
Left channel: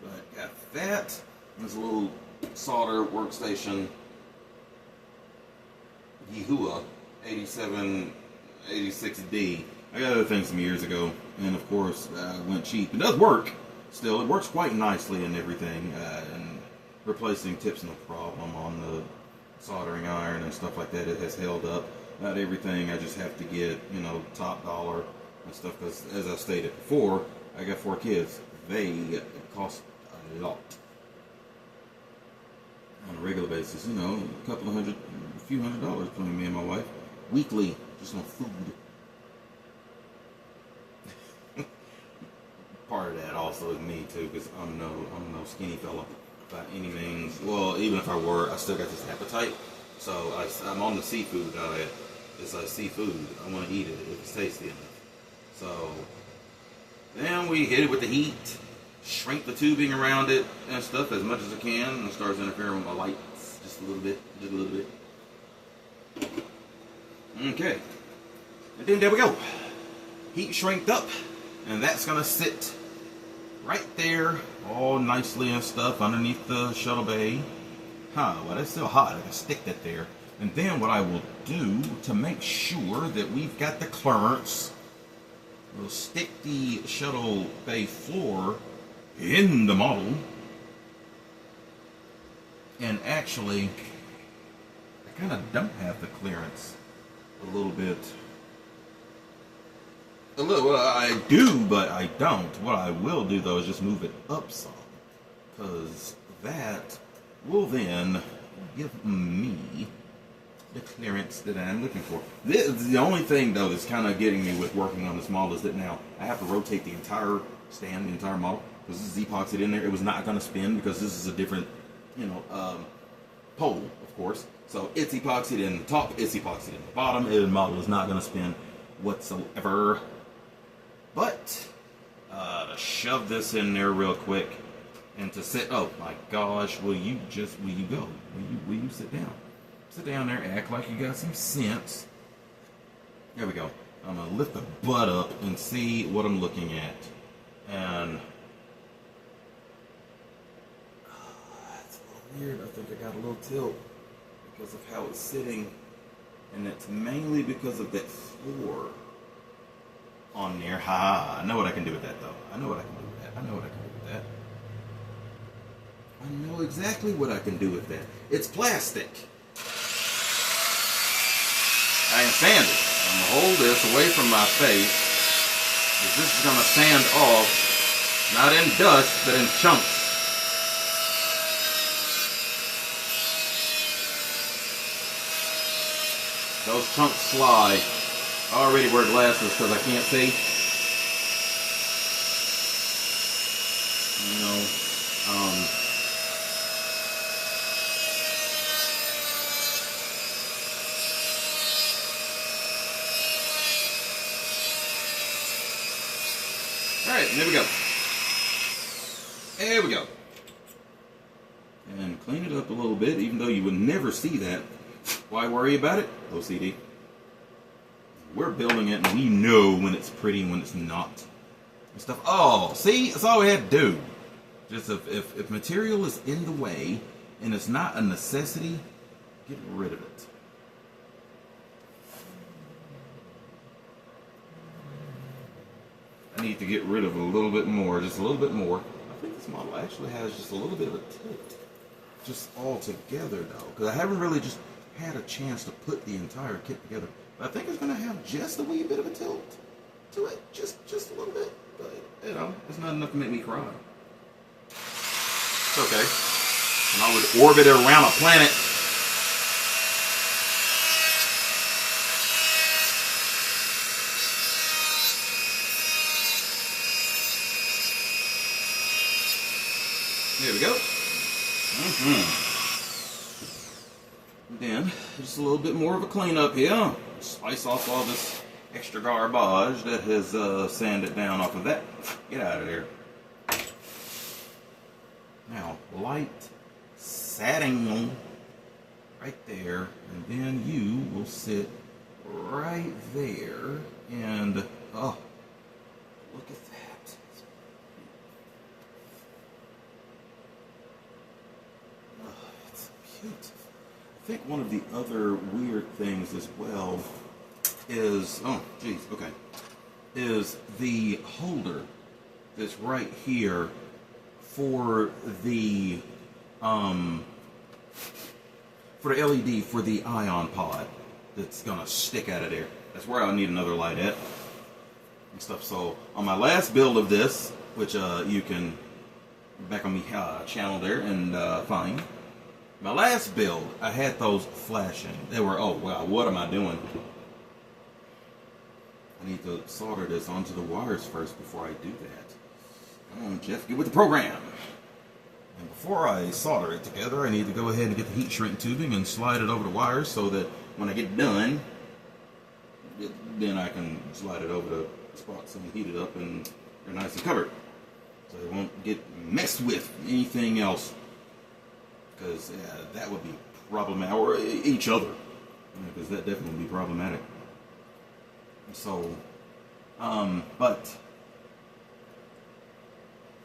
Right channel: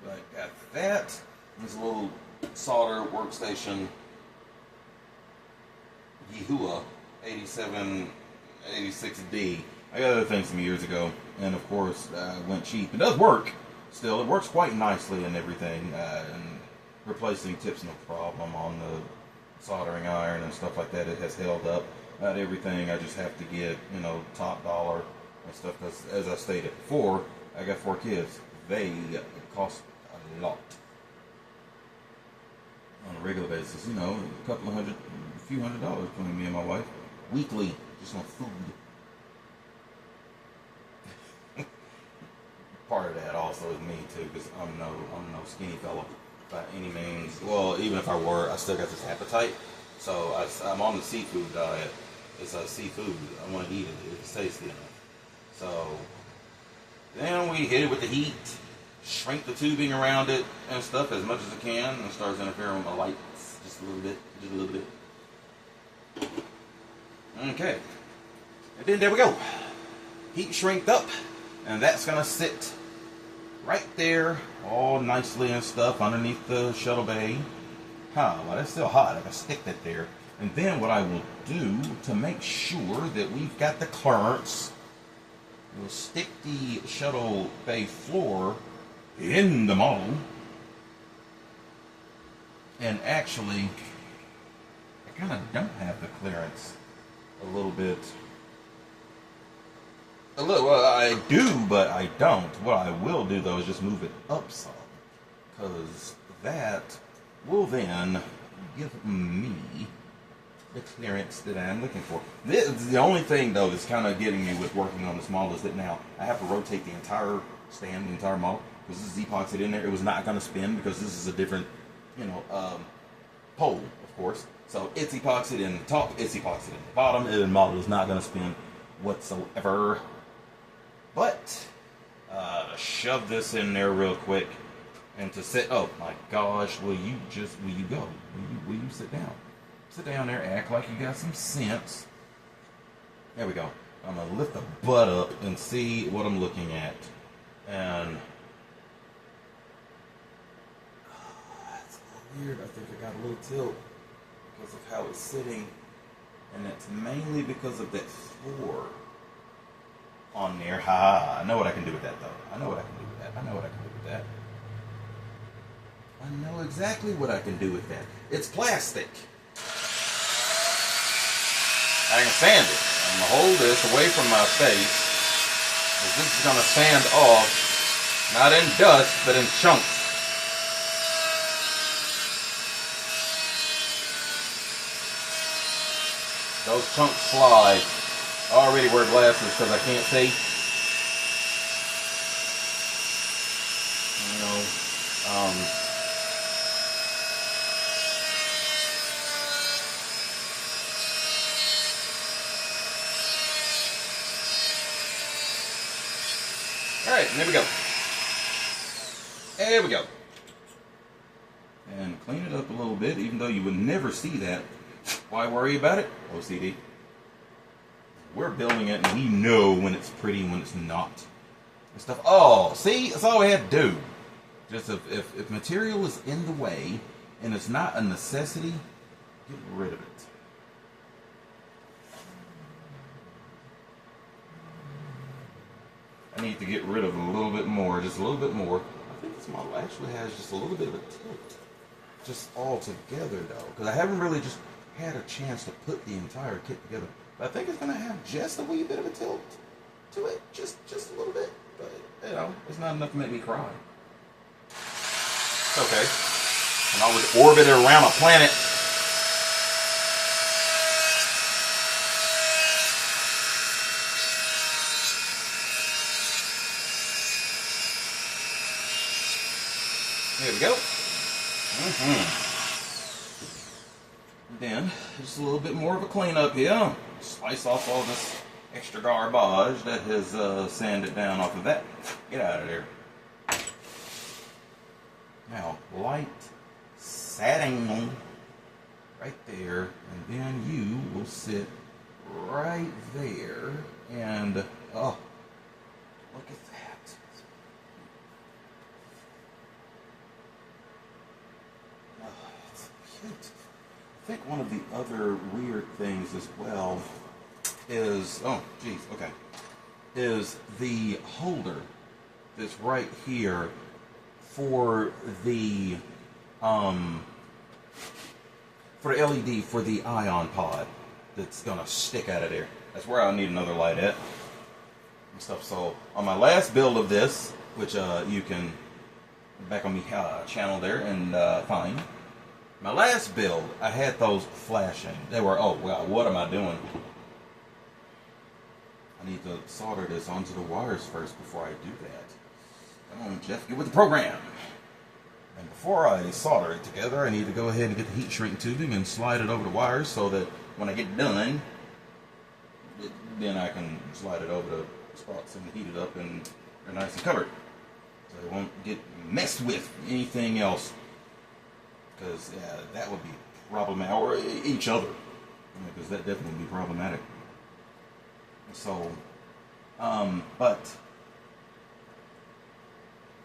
But got that. This little solder workstation. Yehua 8786D. I got other things some years ago, and of course, went cheap. It does work. Still, it works quite nicely and everything. And replacing tips no problem on the soldering iron and stuff like that. It has held up. Not everything. I just have to get top dollar and stuff, because as I stated before, I got 4 kids. They cost a lot on a regular basis. A couple of hundred, a few $100s between me and my wife weekly, just on food. Part of that also is me too, because I'm no skinny fella by any means. Well, even if I were, I still got this appetite. So I'm on the seafood diet. It's like seafood. I want to eat it. It's tasty enough. So then we hit it with the heat, shrink the tubing around it and stuff as much as I can, and it starts interfering with my lights just a little bit. Okay. And then there we go. Heat shrinked up. And that's going to sit right there, all nicely and stuff, underneath the shuttle bay. Well, that's still hot. I got to stick that there. And then what I will do to make sure that we've got the clearance, we'll stick the shuttle bay floor in the model. And actually, I kind of don't have the clearance a little bit. Well, I do, but I don't. What I will do, though, is just move it up some, because that will then give me the clearance that I'm looking for. The only thing, though, that's kind of getting me with working on this model is that now I have to rotate the entire stand the entire model, because this is epoxied in there. It was not going to spin because this is a different, pole, of course. So it's epoxied in the top, it's epoxied in the bottom, and the model is not going to spin whatsoever. But to shove this in there real quick and to sit, oh my gosh, will you go? Will you sit down? Sit down there, act like you got some sense. There we go. I'm going to lift the butt up and see what I'm looking at. And that's a little weird. I think I got a little tilt because of how it's sitting. And it's mainly because of that floor on there. Ha! I know what I can do with that, though. I know what I can do with that. I know what I can do with that. I know exactly what I can do with that. It's plastic. I can sand it. I'm going to hold this away from my face, because this is going to sand off, not in dust, but in chunks. Those chunks fly. I already wear glasses because I can't see. Alright, there we go. There we go. And clean it up a little bit, even though you would never see that. Why worry about it? OCD. We're building it and we know when it's pretty and when it's not. And stuff. Oh, see? That's all we had to do. Just if material is in the way and it's not a necessity, get rid of it. I need to get rid of it a little bit more, just a little bit more. I think this model actually has just a little bit of a tilt, just all together though, because I haven't really just had a chance to put the entire kit together. But I think it's going to have just a wee bit of a tilt to it, just a little bit. But it's not enough to make me cry. It's okay. I'm always orbiting around a planet. There we go. Then, just a little bit more of a cleanup here. Spice off all this extra garbage that has sanded down off of that. Get out of there. Now, light setting right there, and then you will sit right there, and oh, look at that. I think one of the other weird things as well is, is the holder that's right here for the LED for the ion pod that's gonna stick out of there. That's where I'll need another light at and stuff. So on my last build of this, which you can back on my channel there and find. My last build, I had those flashing. They were, oh wow, what am I doing? I need to solder this onto the wires first before I do that. Come on, Jeff, get with the program. And before I solder it together, I need to go ahead and get the heat shrink tubing and slide it over the wires so that when I get done, then I can slide it over the spots and heat it up and they're nice and covered. So they won't get messed with anything else. Because that would be problematic, or each other, because that definitely would be problematic. So, and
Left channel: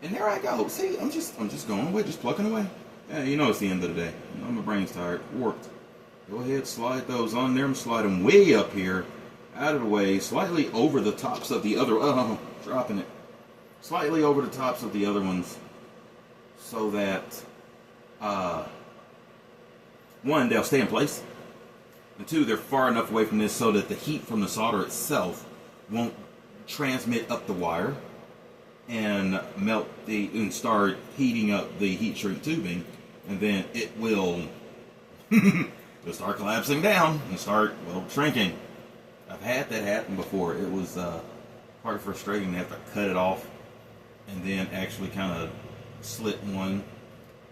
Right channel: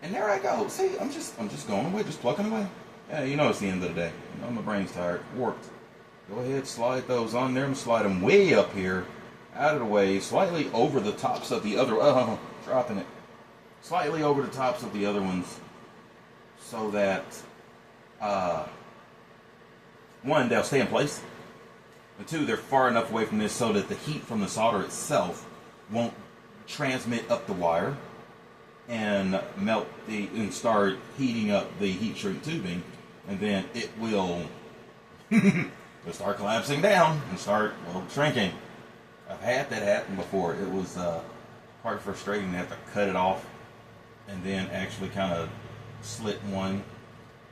there I go. See, I'm just going away, just plucking away. Yeah, it's the end of the day. My brain's tired, warped. Go ahead, slide those on there and slide them way up here, out of the way, slightly over the tops of the other. Oh, dropping it. Slightly over the tops of the other ones, so that. One, they'll stay in place, and two, they're far enough away from this so that the heat from the solder itself won't transmit up the wire and and start heating up the heat shrink tubing, and then it will it'll start collapsing down and start shrinking. I've had that happen before. It was quite frustrating to have to cut it off and then actually kind of slit one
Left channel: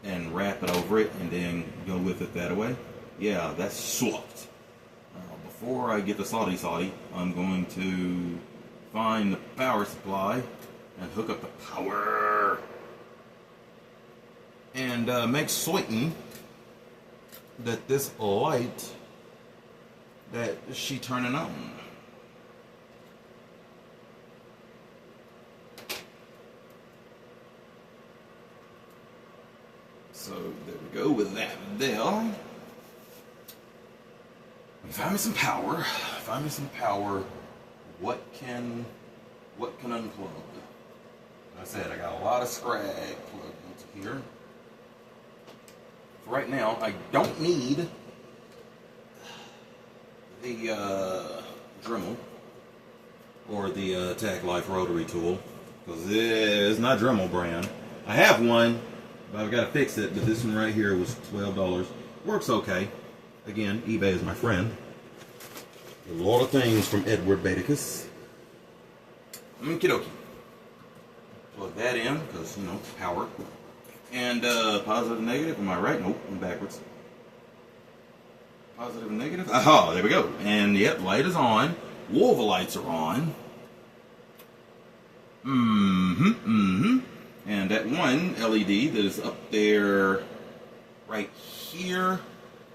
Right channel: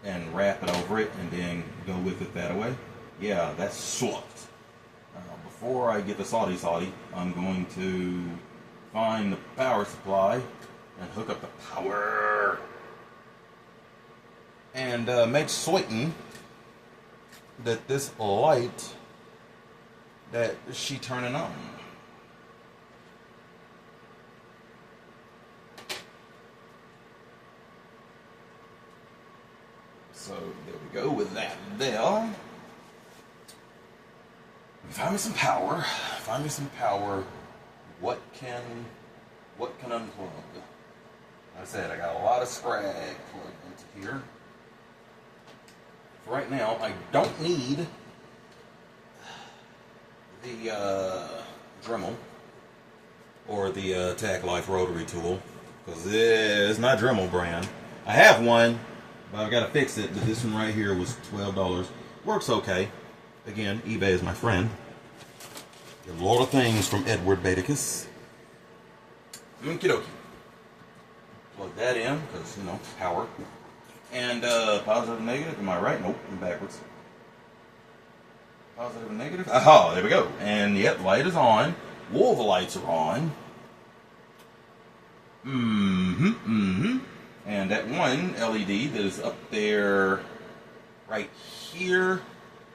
and wrap it over it and then go with it that way. Yeah, that's swapped. Before I get the salty, I'm going to find the power supply and hook up the power and make certain that this light that she turning on. So there we go with that there. Find me some power. Find me some power. What can unplug? Like I said, I got a lot of scrag plugged into here. For right now, I don't need the Dremel or the Tac Life rotary tool because it's not Dremel brand. I have one, but I've got to fix it. But this one right here was $12. Works okay. Again, eBay is my friend. Get a lot of things from Edward Baticus. Okie dokie. Plug that in because, you know, power. And positive and negative. Am I right? Nope, I'm backwards. Positive and negative. Aha, there we go. And yep, light is on. All the lights are on. And that one LED that is up there right here,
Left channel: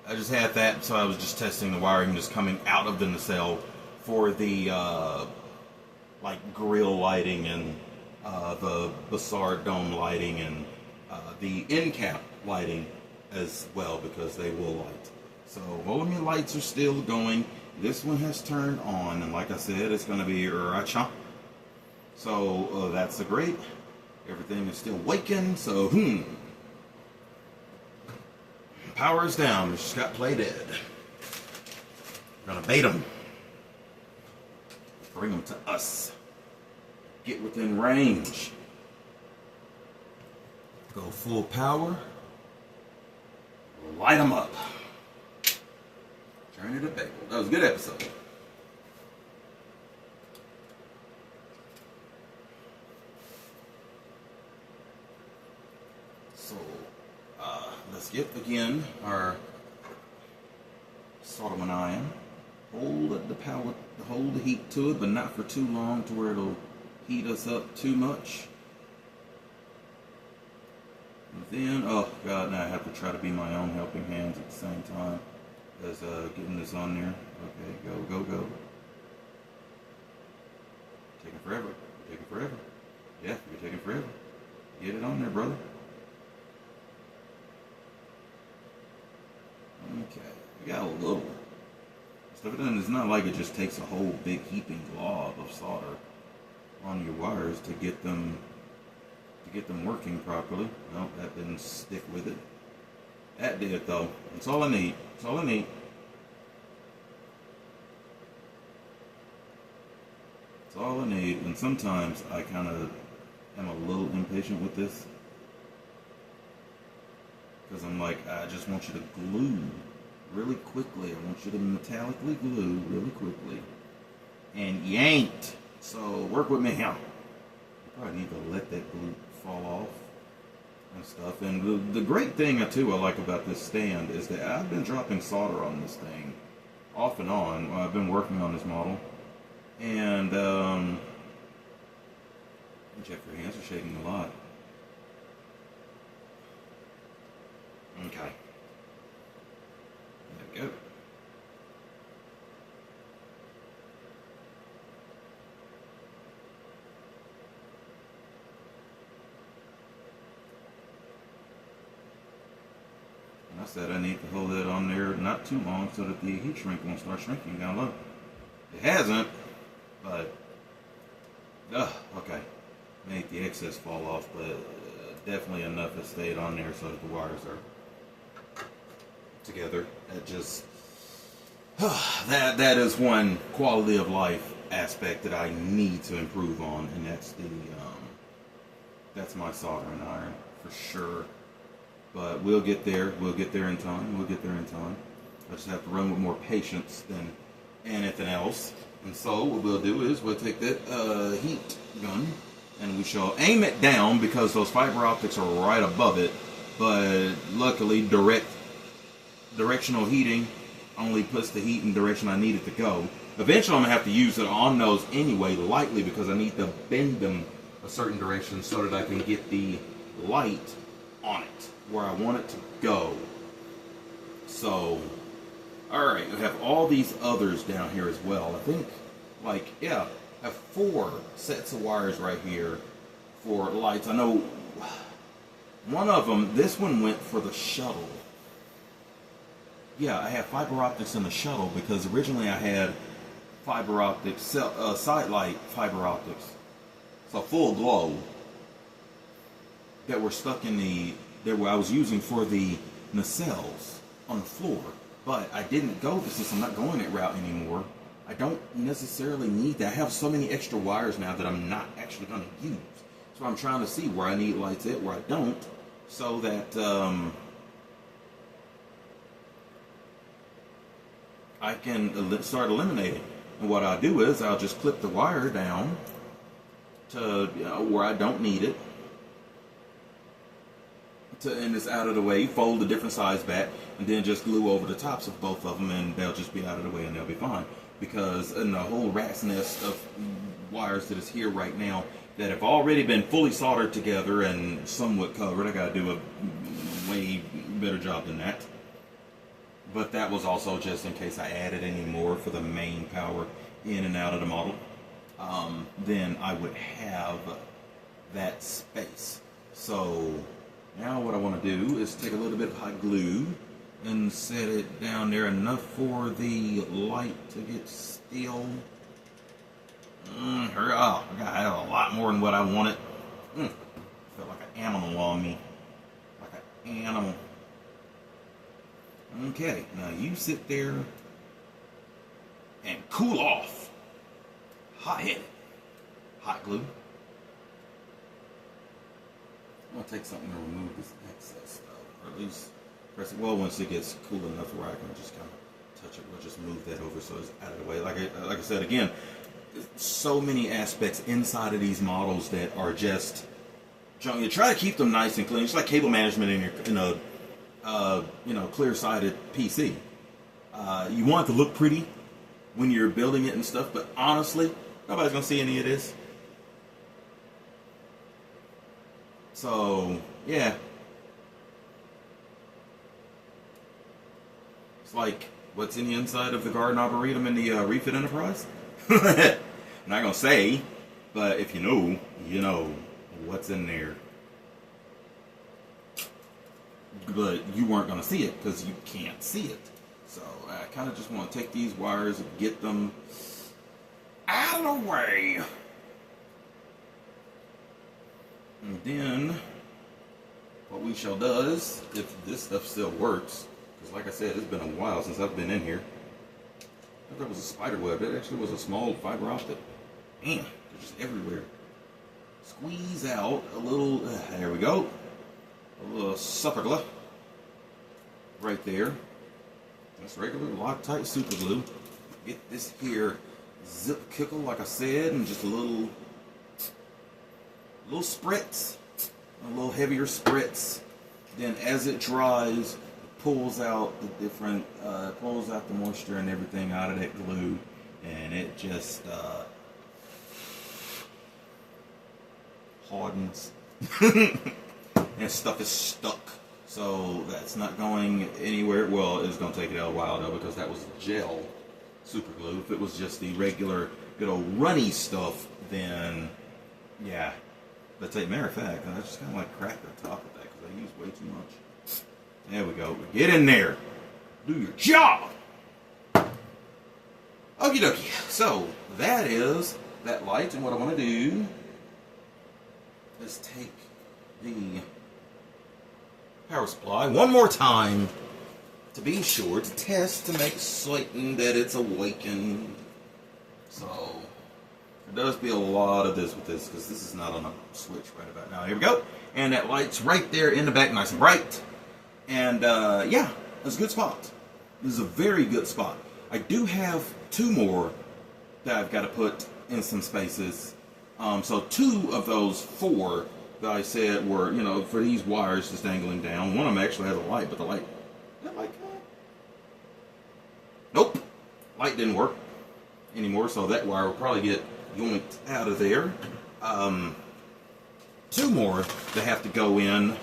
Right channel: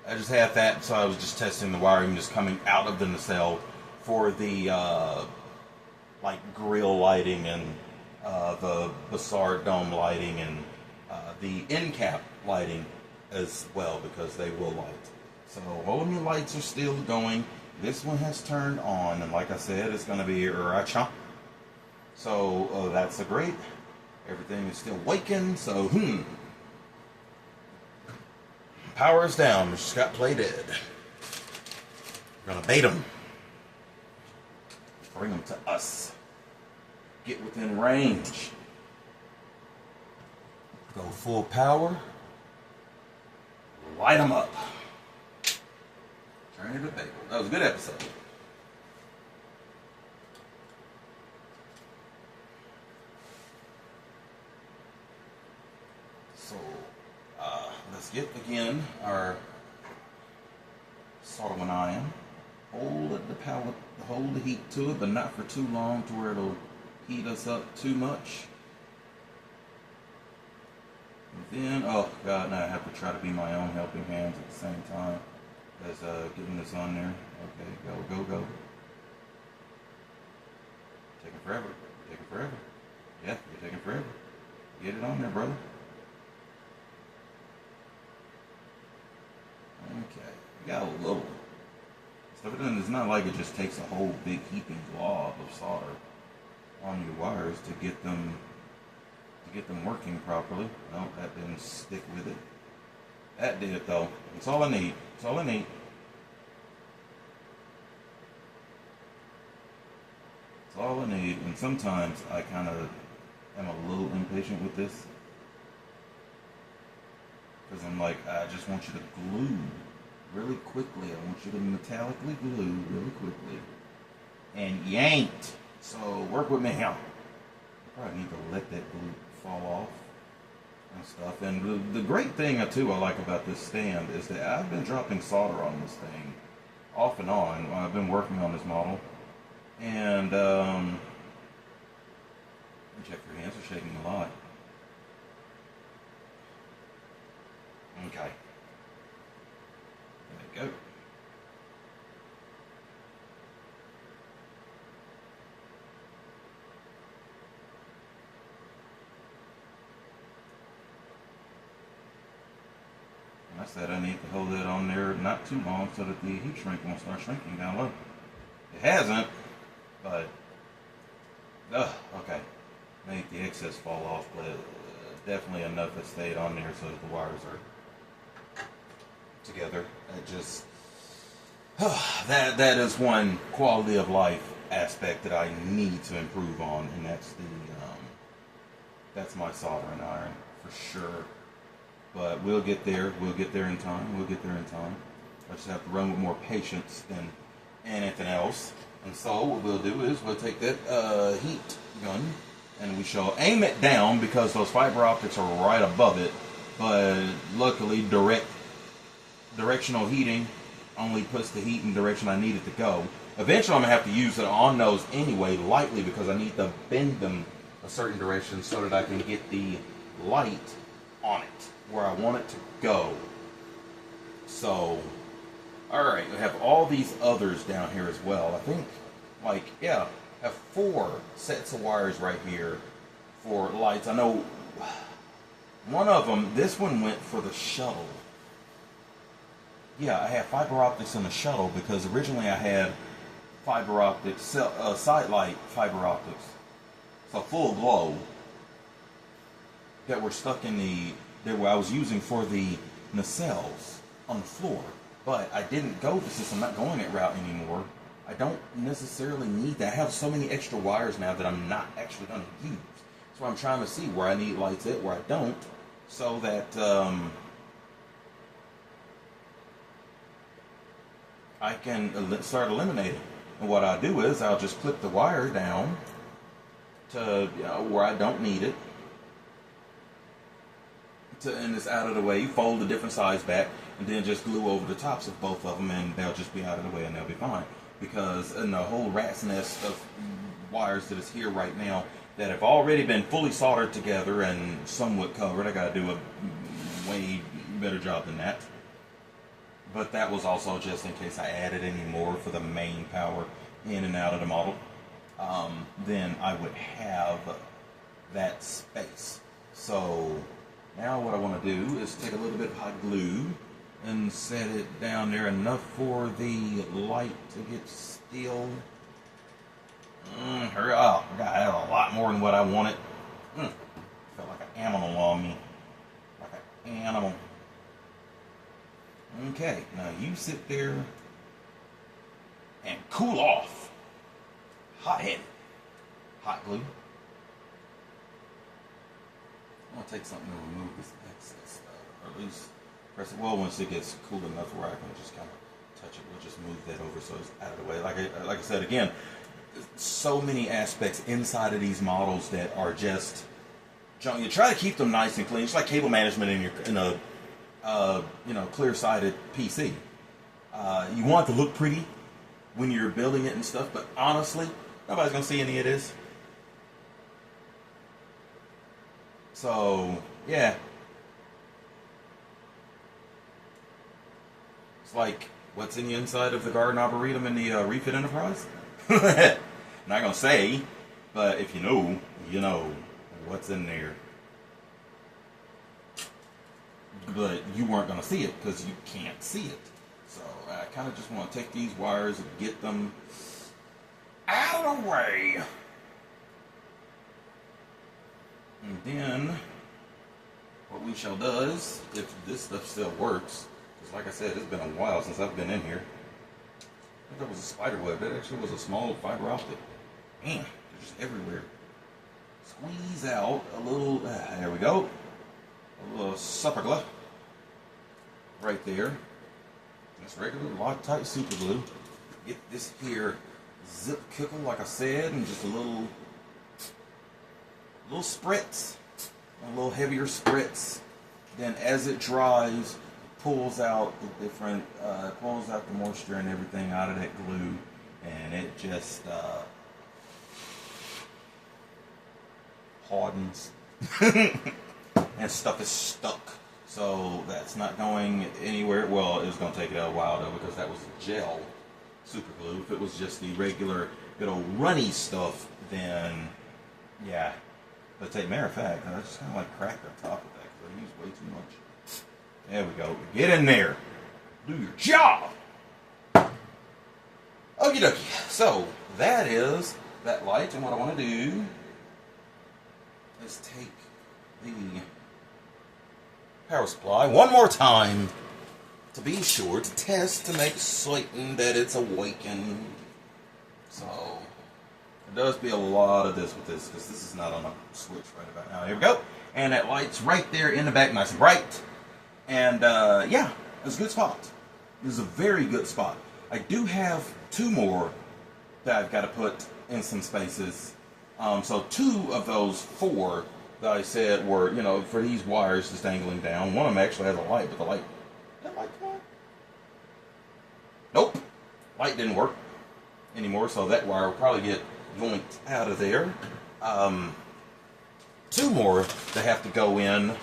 I just had that, so I was just testing the wiring just coming out of the nacelle for the like grill lighting and the Bassard dome lighting and the end cap lighting as well because they will light. So all of my lights are still going. This one has turned on, and like I said, it's going to be racha. So that's great. Everything is still waking. So power is down. Just got play dead. We're gonna bait them. Bring them to us. Get within range. Go full power. Light them up. Turn it to bagel. That was a good episode. So, let's get again our soldering iron. Hold the power, hold the heat to it, but not for too long to where it'll heat us up too much. And then, oh God, now I have to try to be my own helping hands at the same time as getting this on there. Okay, go. Taking forever. Taking forever. Yeah, you're taking forever. Get it on there, brother. Okay, we got a little stuff. It's not like it just takes a whole big heaping glob of solder on your wires to get them working properly. No, that didn't stick with it. That did it though. That's all I need. That's all I need. That's all I need. And sometimes I kind of am a little impatient with this. Because I'm like, I just want you to glue really quickly. I want you to metallically glue really quickly. And you ain't. So work with me here. I probably need to let that glue fall off and stuff. And the great thing too I like about this stand is that I've been dropping solder on this thing off and on while I've been working on this model. And check your hands are shaking a lot. Okay. There we go. And I said I need to hold that on there not too long so that the heat shrink won't start shrinking down low. It hasn't, but okay. Made the excess fall off, but definitely enough that stayed on there so that the wires are together. It just that is one quality of life aspect that I need to improve on, and that's my soldering iron for sure. But we'll get there. We'll get there in time. We'll get there in time. I just have to run with more patience than anything else. And so what we'll do is we'll take that heat gun and we shall aim it down because those fiber optics are right above it. But luckily, directional heating only puts the heat in the direction I need it to go. Eventually, I'm gonna have to use it on those anyway, lightly, because I need to bend them a certain direction so that I can get the light on it where I want it to go. So, all right, we have all these others down here as well. I think, like, yeah, I have 4 sets of wires right here for lights. I know one of them, this one went for the shuttle. Yeah, I have fiber optics in the shuttle because originally I had fiber optics, side light fiber optics, so full glow, that were stuck in that I was using for the nacelles on the floor. But I didn't go this system. I'm not going that route anymore. I don't necessarily need that. I have so many extra wires now that I'm not actually going to use. So I'm trying to see where I need lights at, where I don't, so that I can start eliminating. And what I do is I'll just clip the wire down to where I don't need it, and it's out of the way. Fold a different size back, and then just glue over the tops of both of them, and they'll just be out of the way, and they'll be fine. Because in the whole rat's nest of wires that is here right now that have already been fully soldered together and somewhat covered, I got to do a way better job than that. But that was also just in case I added any more for the main power in and out of the model. Then I would have that space. So now what I want to do is take a little bit of hot glue and set it down there enough for the light to get still. Hurry up. I have a lot more than what I wanted. Felt like an animal on me. Like an animal. Okay, now you sit there and cool off. Hot-headed. Hot glue. I'm going to take something to remove this excess stuff. Or at least press it. Well, once it gets cool enough where I can just kind of touch it, we'll just move that over so it's out of the way. Like I said, again, so many aspects inside of these models that are just junk. You try to keep them nice and clean. It's like cable management in a clear-sided PC. You want it to look pretty when you're building it and stuff, but honestly, nobody's gonna see any of this. So yeah, it's like what's in the inside of the Garden Arboretum in the Refit Enterprise. I'm not gonna say, but if you know, you know what's in there. But you weren't going to see it because you can't see it. So I kind of just want to take these wires and get them out of the way. And then what we shall do is, if this stuff still works, because like I said, it's been a while since I've been in here. I thought that was a spider web. It actually was a small fiber optic. Man, they're just everywhere. Squeeze out a little, there we go. A little super glue right there. That's regular Loctite super glue. Get this here zip kickle, like I said, and just a little spritz, a little heavier spritz. Then as it dries, it pulls out the different, pulls out the moisture and everything out of that glue, and it just hardens. And stuff is stuck, so that's not going anywhere. Well, it's going to take it a while though, because that was gel super glue. If it was just the regular good old runny stuff, then yeah. But matter of fact, I just kind of like cracked the top of that because I used way too much. There we go. Get in there, do your job. Okie dokie. So that is that light, and what I want to do is take the power supply one more time to be sure to test to make certain that it's awakened. So there does be a lot of this with this because this is not on a switch right about now. Here we go, and that light's right there in the back, nice and bright. And yeah, it's a good spot. This is a very good spot. I do have 2 more that I've got to put in some spaces So 2 of those 4 that I said were, you know, for these wires just dangling down. One of them actually has a light, but the light, that light come on? Nope, light didn't work anymore, so that wire will probably get yoinked out of there. 2 more that have to go in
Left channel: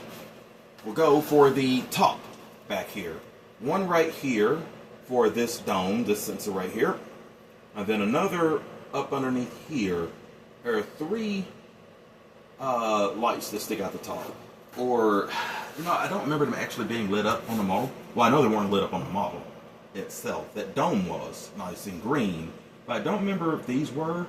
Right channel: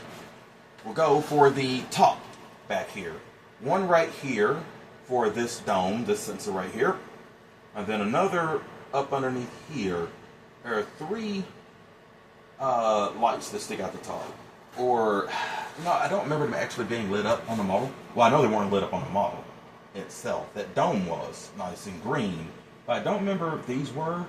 will go for the top back here. One right here for this dome, this sensor right here, and then another up underneath here. There are 3 lights that stick out the top. Or, no, I don't remember them actually being lit up on the model. Well, I know they weren't lit up on the model itself. That dome was nice and green, but I don't remember if these were.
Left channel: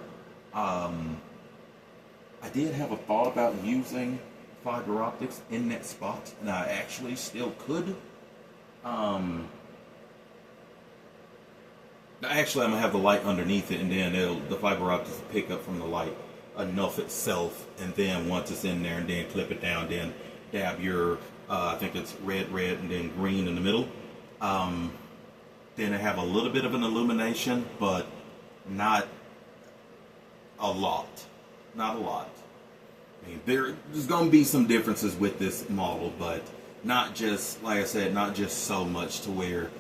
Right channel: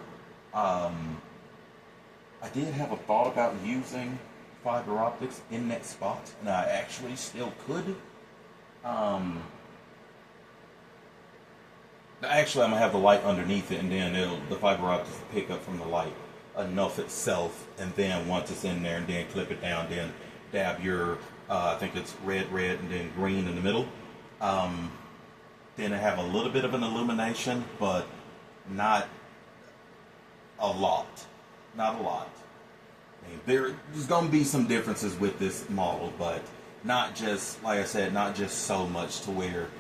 I did have a thought about using fiber optics in that spot, and I actually still could. Actually, I'm gonna have the light underneath it, and then the fiber optics will pick up from the light enough itself, and then once it's in there, and then clip it down, then dab your, I think it's red, and then green in the middle. Then I have a little bit of an illumination, but not a lot. Not a lot. I mean, there's going to be some differences with this model, but not just, like I said, not just so much to where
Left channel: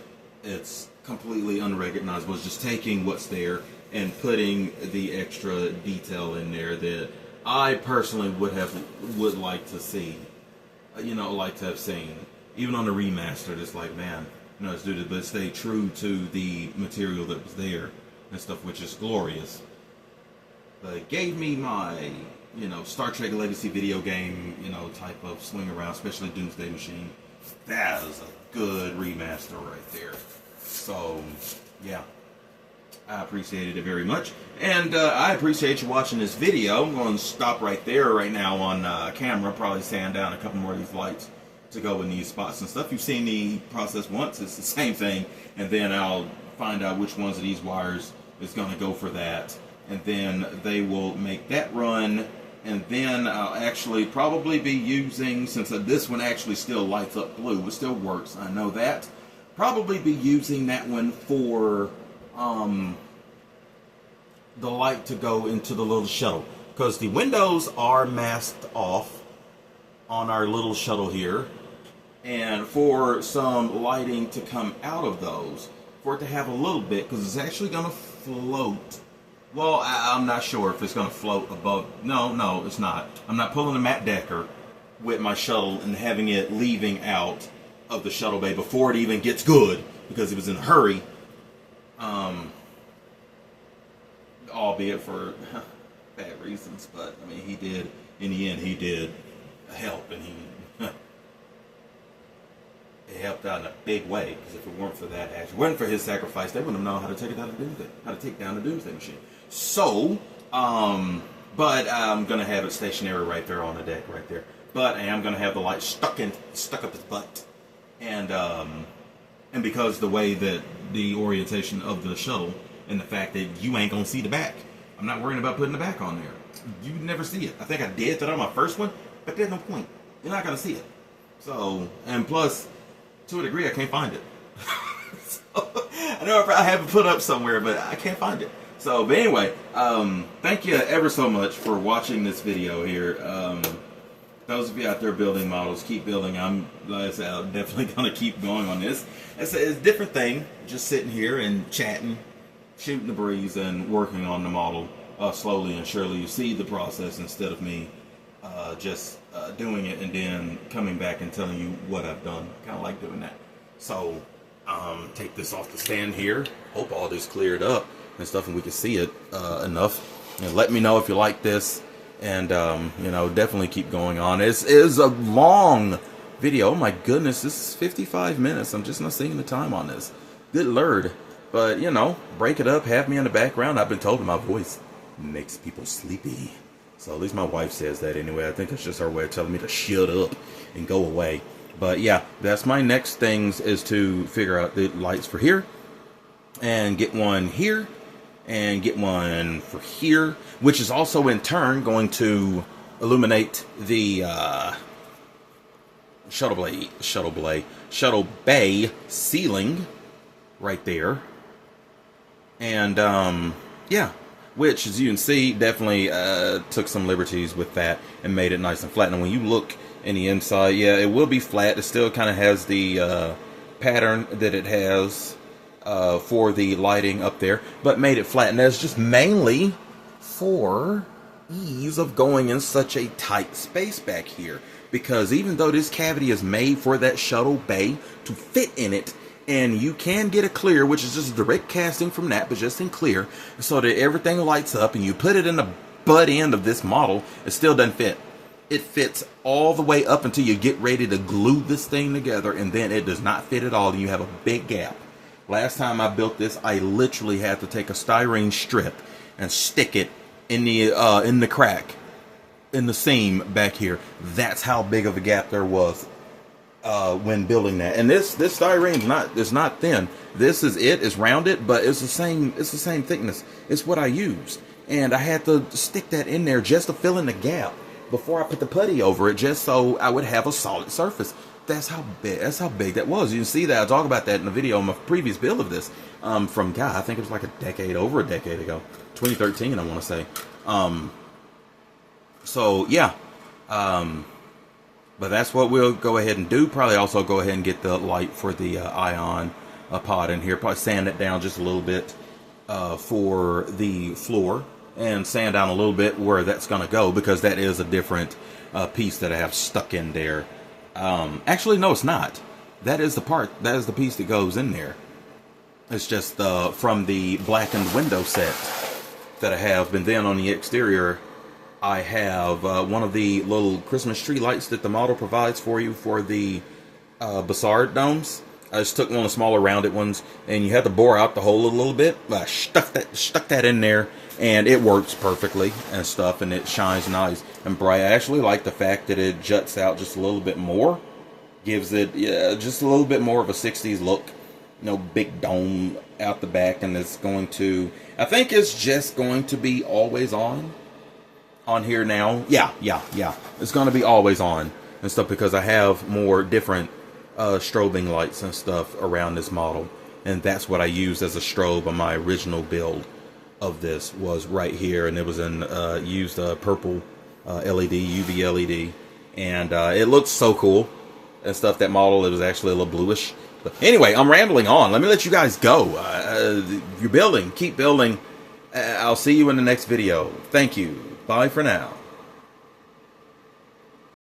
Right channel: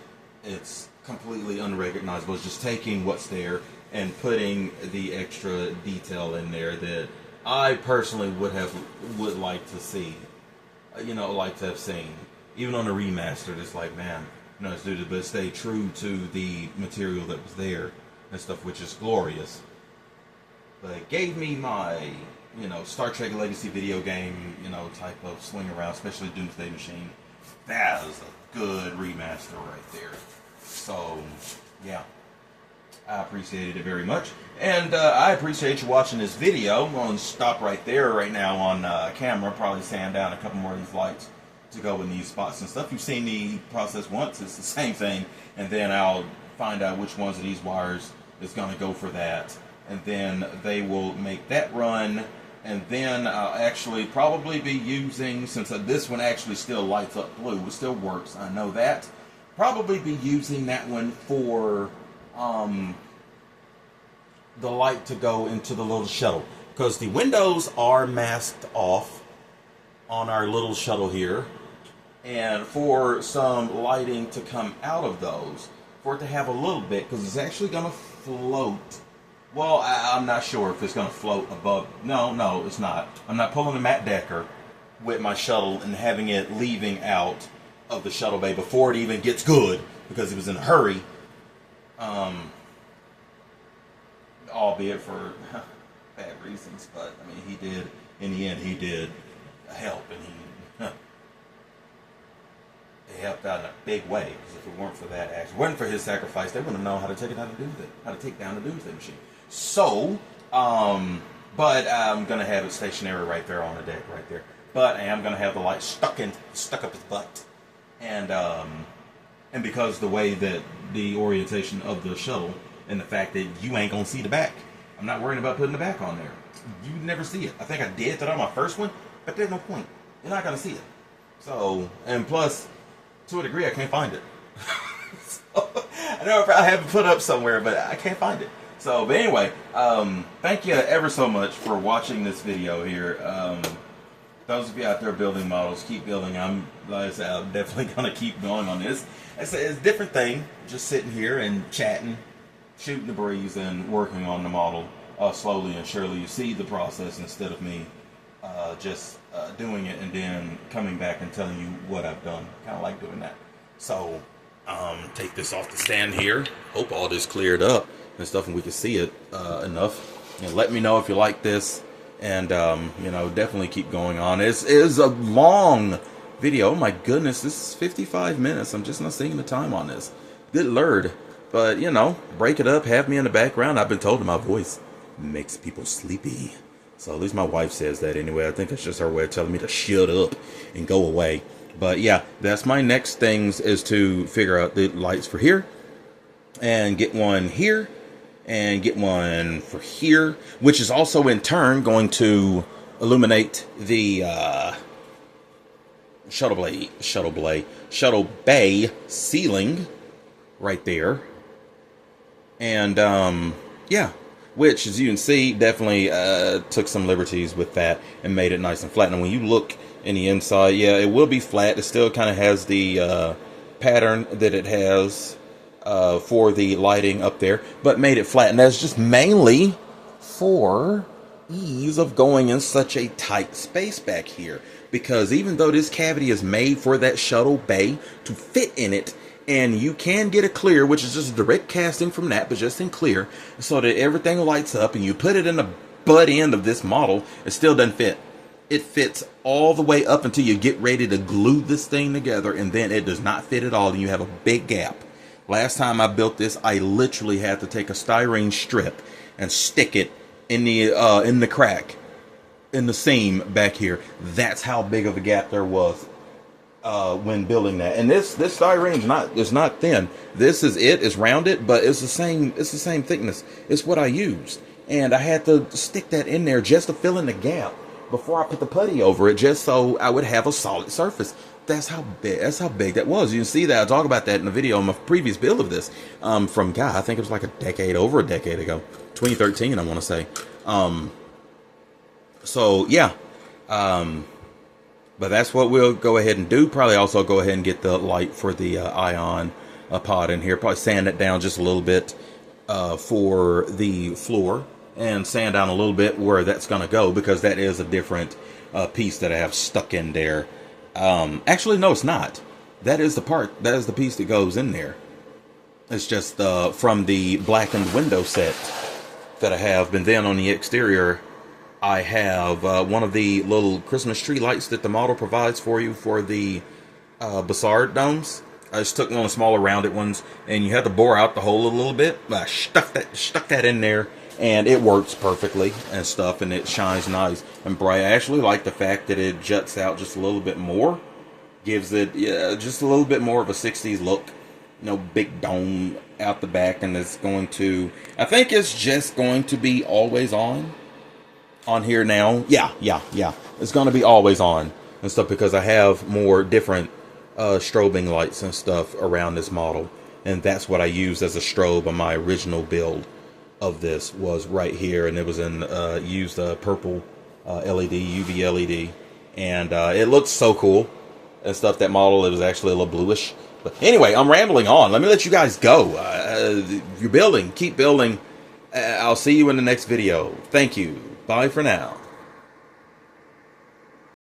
it's completely unrecognizable. It's just taking what's there and putting the extra detail in there that I personally would like to see, you know, like to have seen. Even on the remastered, it's like, man, you know, it's due to, but stay true to the material that was there and stuff, which is glorious. But it gave me my, you know, Star Trek Legacy video game, you know, type of swing around, especially Doomsday Machine. That is a good remaster right there. So, yeah, I appreciated it very much. And I appreciate you watching this video. I'm going to stop right there right now on camera, probably sand down a couple more of these lights to go in these spots and stuff. You've seen the process once, it's the same thing, and then I'll find out which ones of these wires is going to go for that, and then they will make that run, and then I'll actually probably be using, since this one actually still lights up blue, it still works, I know that, probably be using that one for the light to go into the little shuttle, because the windows are masked off on our little shuttle here, and for some lighting to come out of those, for it to have a little bit, because it's actually going to float. Well, I'm not sure if it's going to float above. No, it's not. I'm not pulling a Matt Decker with my shuttle and having it leaving out of the shuttle bay before it even gets good, because it was in a hurry. Albeit for bad reasons, but I mean, he did, in the end, he did help, and he it helped out in a big way, because if it weren't for that action, weren't for his sacrifice, they wouldn't have known how to take it out of Doomsday, how to take down the Doomsday Machine. So, but I'm gonna have it stationary right there on the deck, right there. But I am gonna have the light stuck up his butt, and because the way that the orientation of the shuttle and the fact that you ain't gonna see the back, I'm not worrying about putting the back on there. You never see it. I think I did that on my first one, but there's no point. You're not gonna see it. So, and plus, to a degree, I can't find it. So, I know I have it put up somewhere, but I can't find it. So, but anyway, thank you ever so much for watching this video here. Those of you out there building models, keep building. Like I said, I'm definitely going to keep going on this. It's a different thing, just sitting here and chatting, shooting the breeze, and working on the model slowly and surely. You see the process instead of me just doing it and then coming back and telling you what I've done. Kind of like doing that. So, take this off the stand here. Hope all this cleared up and stuff, and we can see it enough. And let me know if you like this, and you know, definitely keep going on. It is a long video. Oh my goodness, this is 55 minutes. I'm just not seeing the time on this. Good Lord. But you know, break it up, have me in the background. I've been told that my voice makes people sleepy. So at least my wife says that anyway. I think it's just her way of telling me to shut up and go away. But yeah, that's my next things, is to figure out the lights for here, and get one here, and get one for here, which is also in turn going to illuminate the shuttle bay ceiling right there. And yeah, which, as you can see, definitely took some liberties with that and made it nice and flat. And when you look in the inside, yeah, it will be flat. It still kind of has the pattern that it has for the lighting up there, but made it flat. And that's just mainly for ease of going in such a tight space back here. Because even though this cavity is made for that shuttle bay to fit in it, and you can get a clear, which is just direct casting from that, but just in clear, so that everything lights up, and you put it in the butt end of this model, it still doesn't fit. It fits all the way up until you get ready to glue this thing together, and then it does not fit at all, and you have a big gap. Last time I built this, I literally had to take a styrene strip and stick it in the crack, in the seam back here. That's how big of a gap there was when building that. And this styrene is not thin. This is it's rounded, but it's the same thickness. It's what I used, and I had to stick that in there just to fill in the gap before I put the putty over it, just so I would have a solid surface. That's how big that was. You can see that I talk about that in the video on my previous build of this from I think it was like over a decade ago, 2013, I want to say. So yeah, but that's what we'll go ahead and do. Probably also go ahead and get the light for the ion pod in here. Probably sand it down just a little bit for the floor, and sand down a little bit where that's going to go, because that is a different piece that I have stuck in there. Actually, no, it's not. That is the piece that goes in there. It's just from the blackened window set that I have. And then on the exterior, I have one of the little Christmas tree lights that the model provides for you for the Bassard domes. I just took one of the smaller rounded ones, and you have to bore out the hole a little bit. I stuck that in there, and it works perfectly and stuff, and it shines nice and bright. I actually like the fact that it juts out just a little bit more. Gives it just a little bit more of a 60s look. Big dome out the back, and it's going to, I think it's just going to be always on here now. Yeah. It's going to be always on and stuff, because I have more different strobing lights and stuff around this model. And that's what I used as a strobe on my original build of this, was right here. And it was used purple LED, UV LED. And it looks so cool and stuff. That model, it was actually a little bluish. But anyway, I'm rambling on. Let me let you guys go. If you're building, keep building. I'll see you in the next video. Thank you. Bye for now.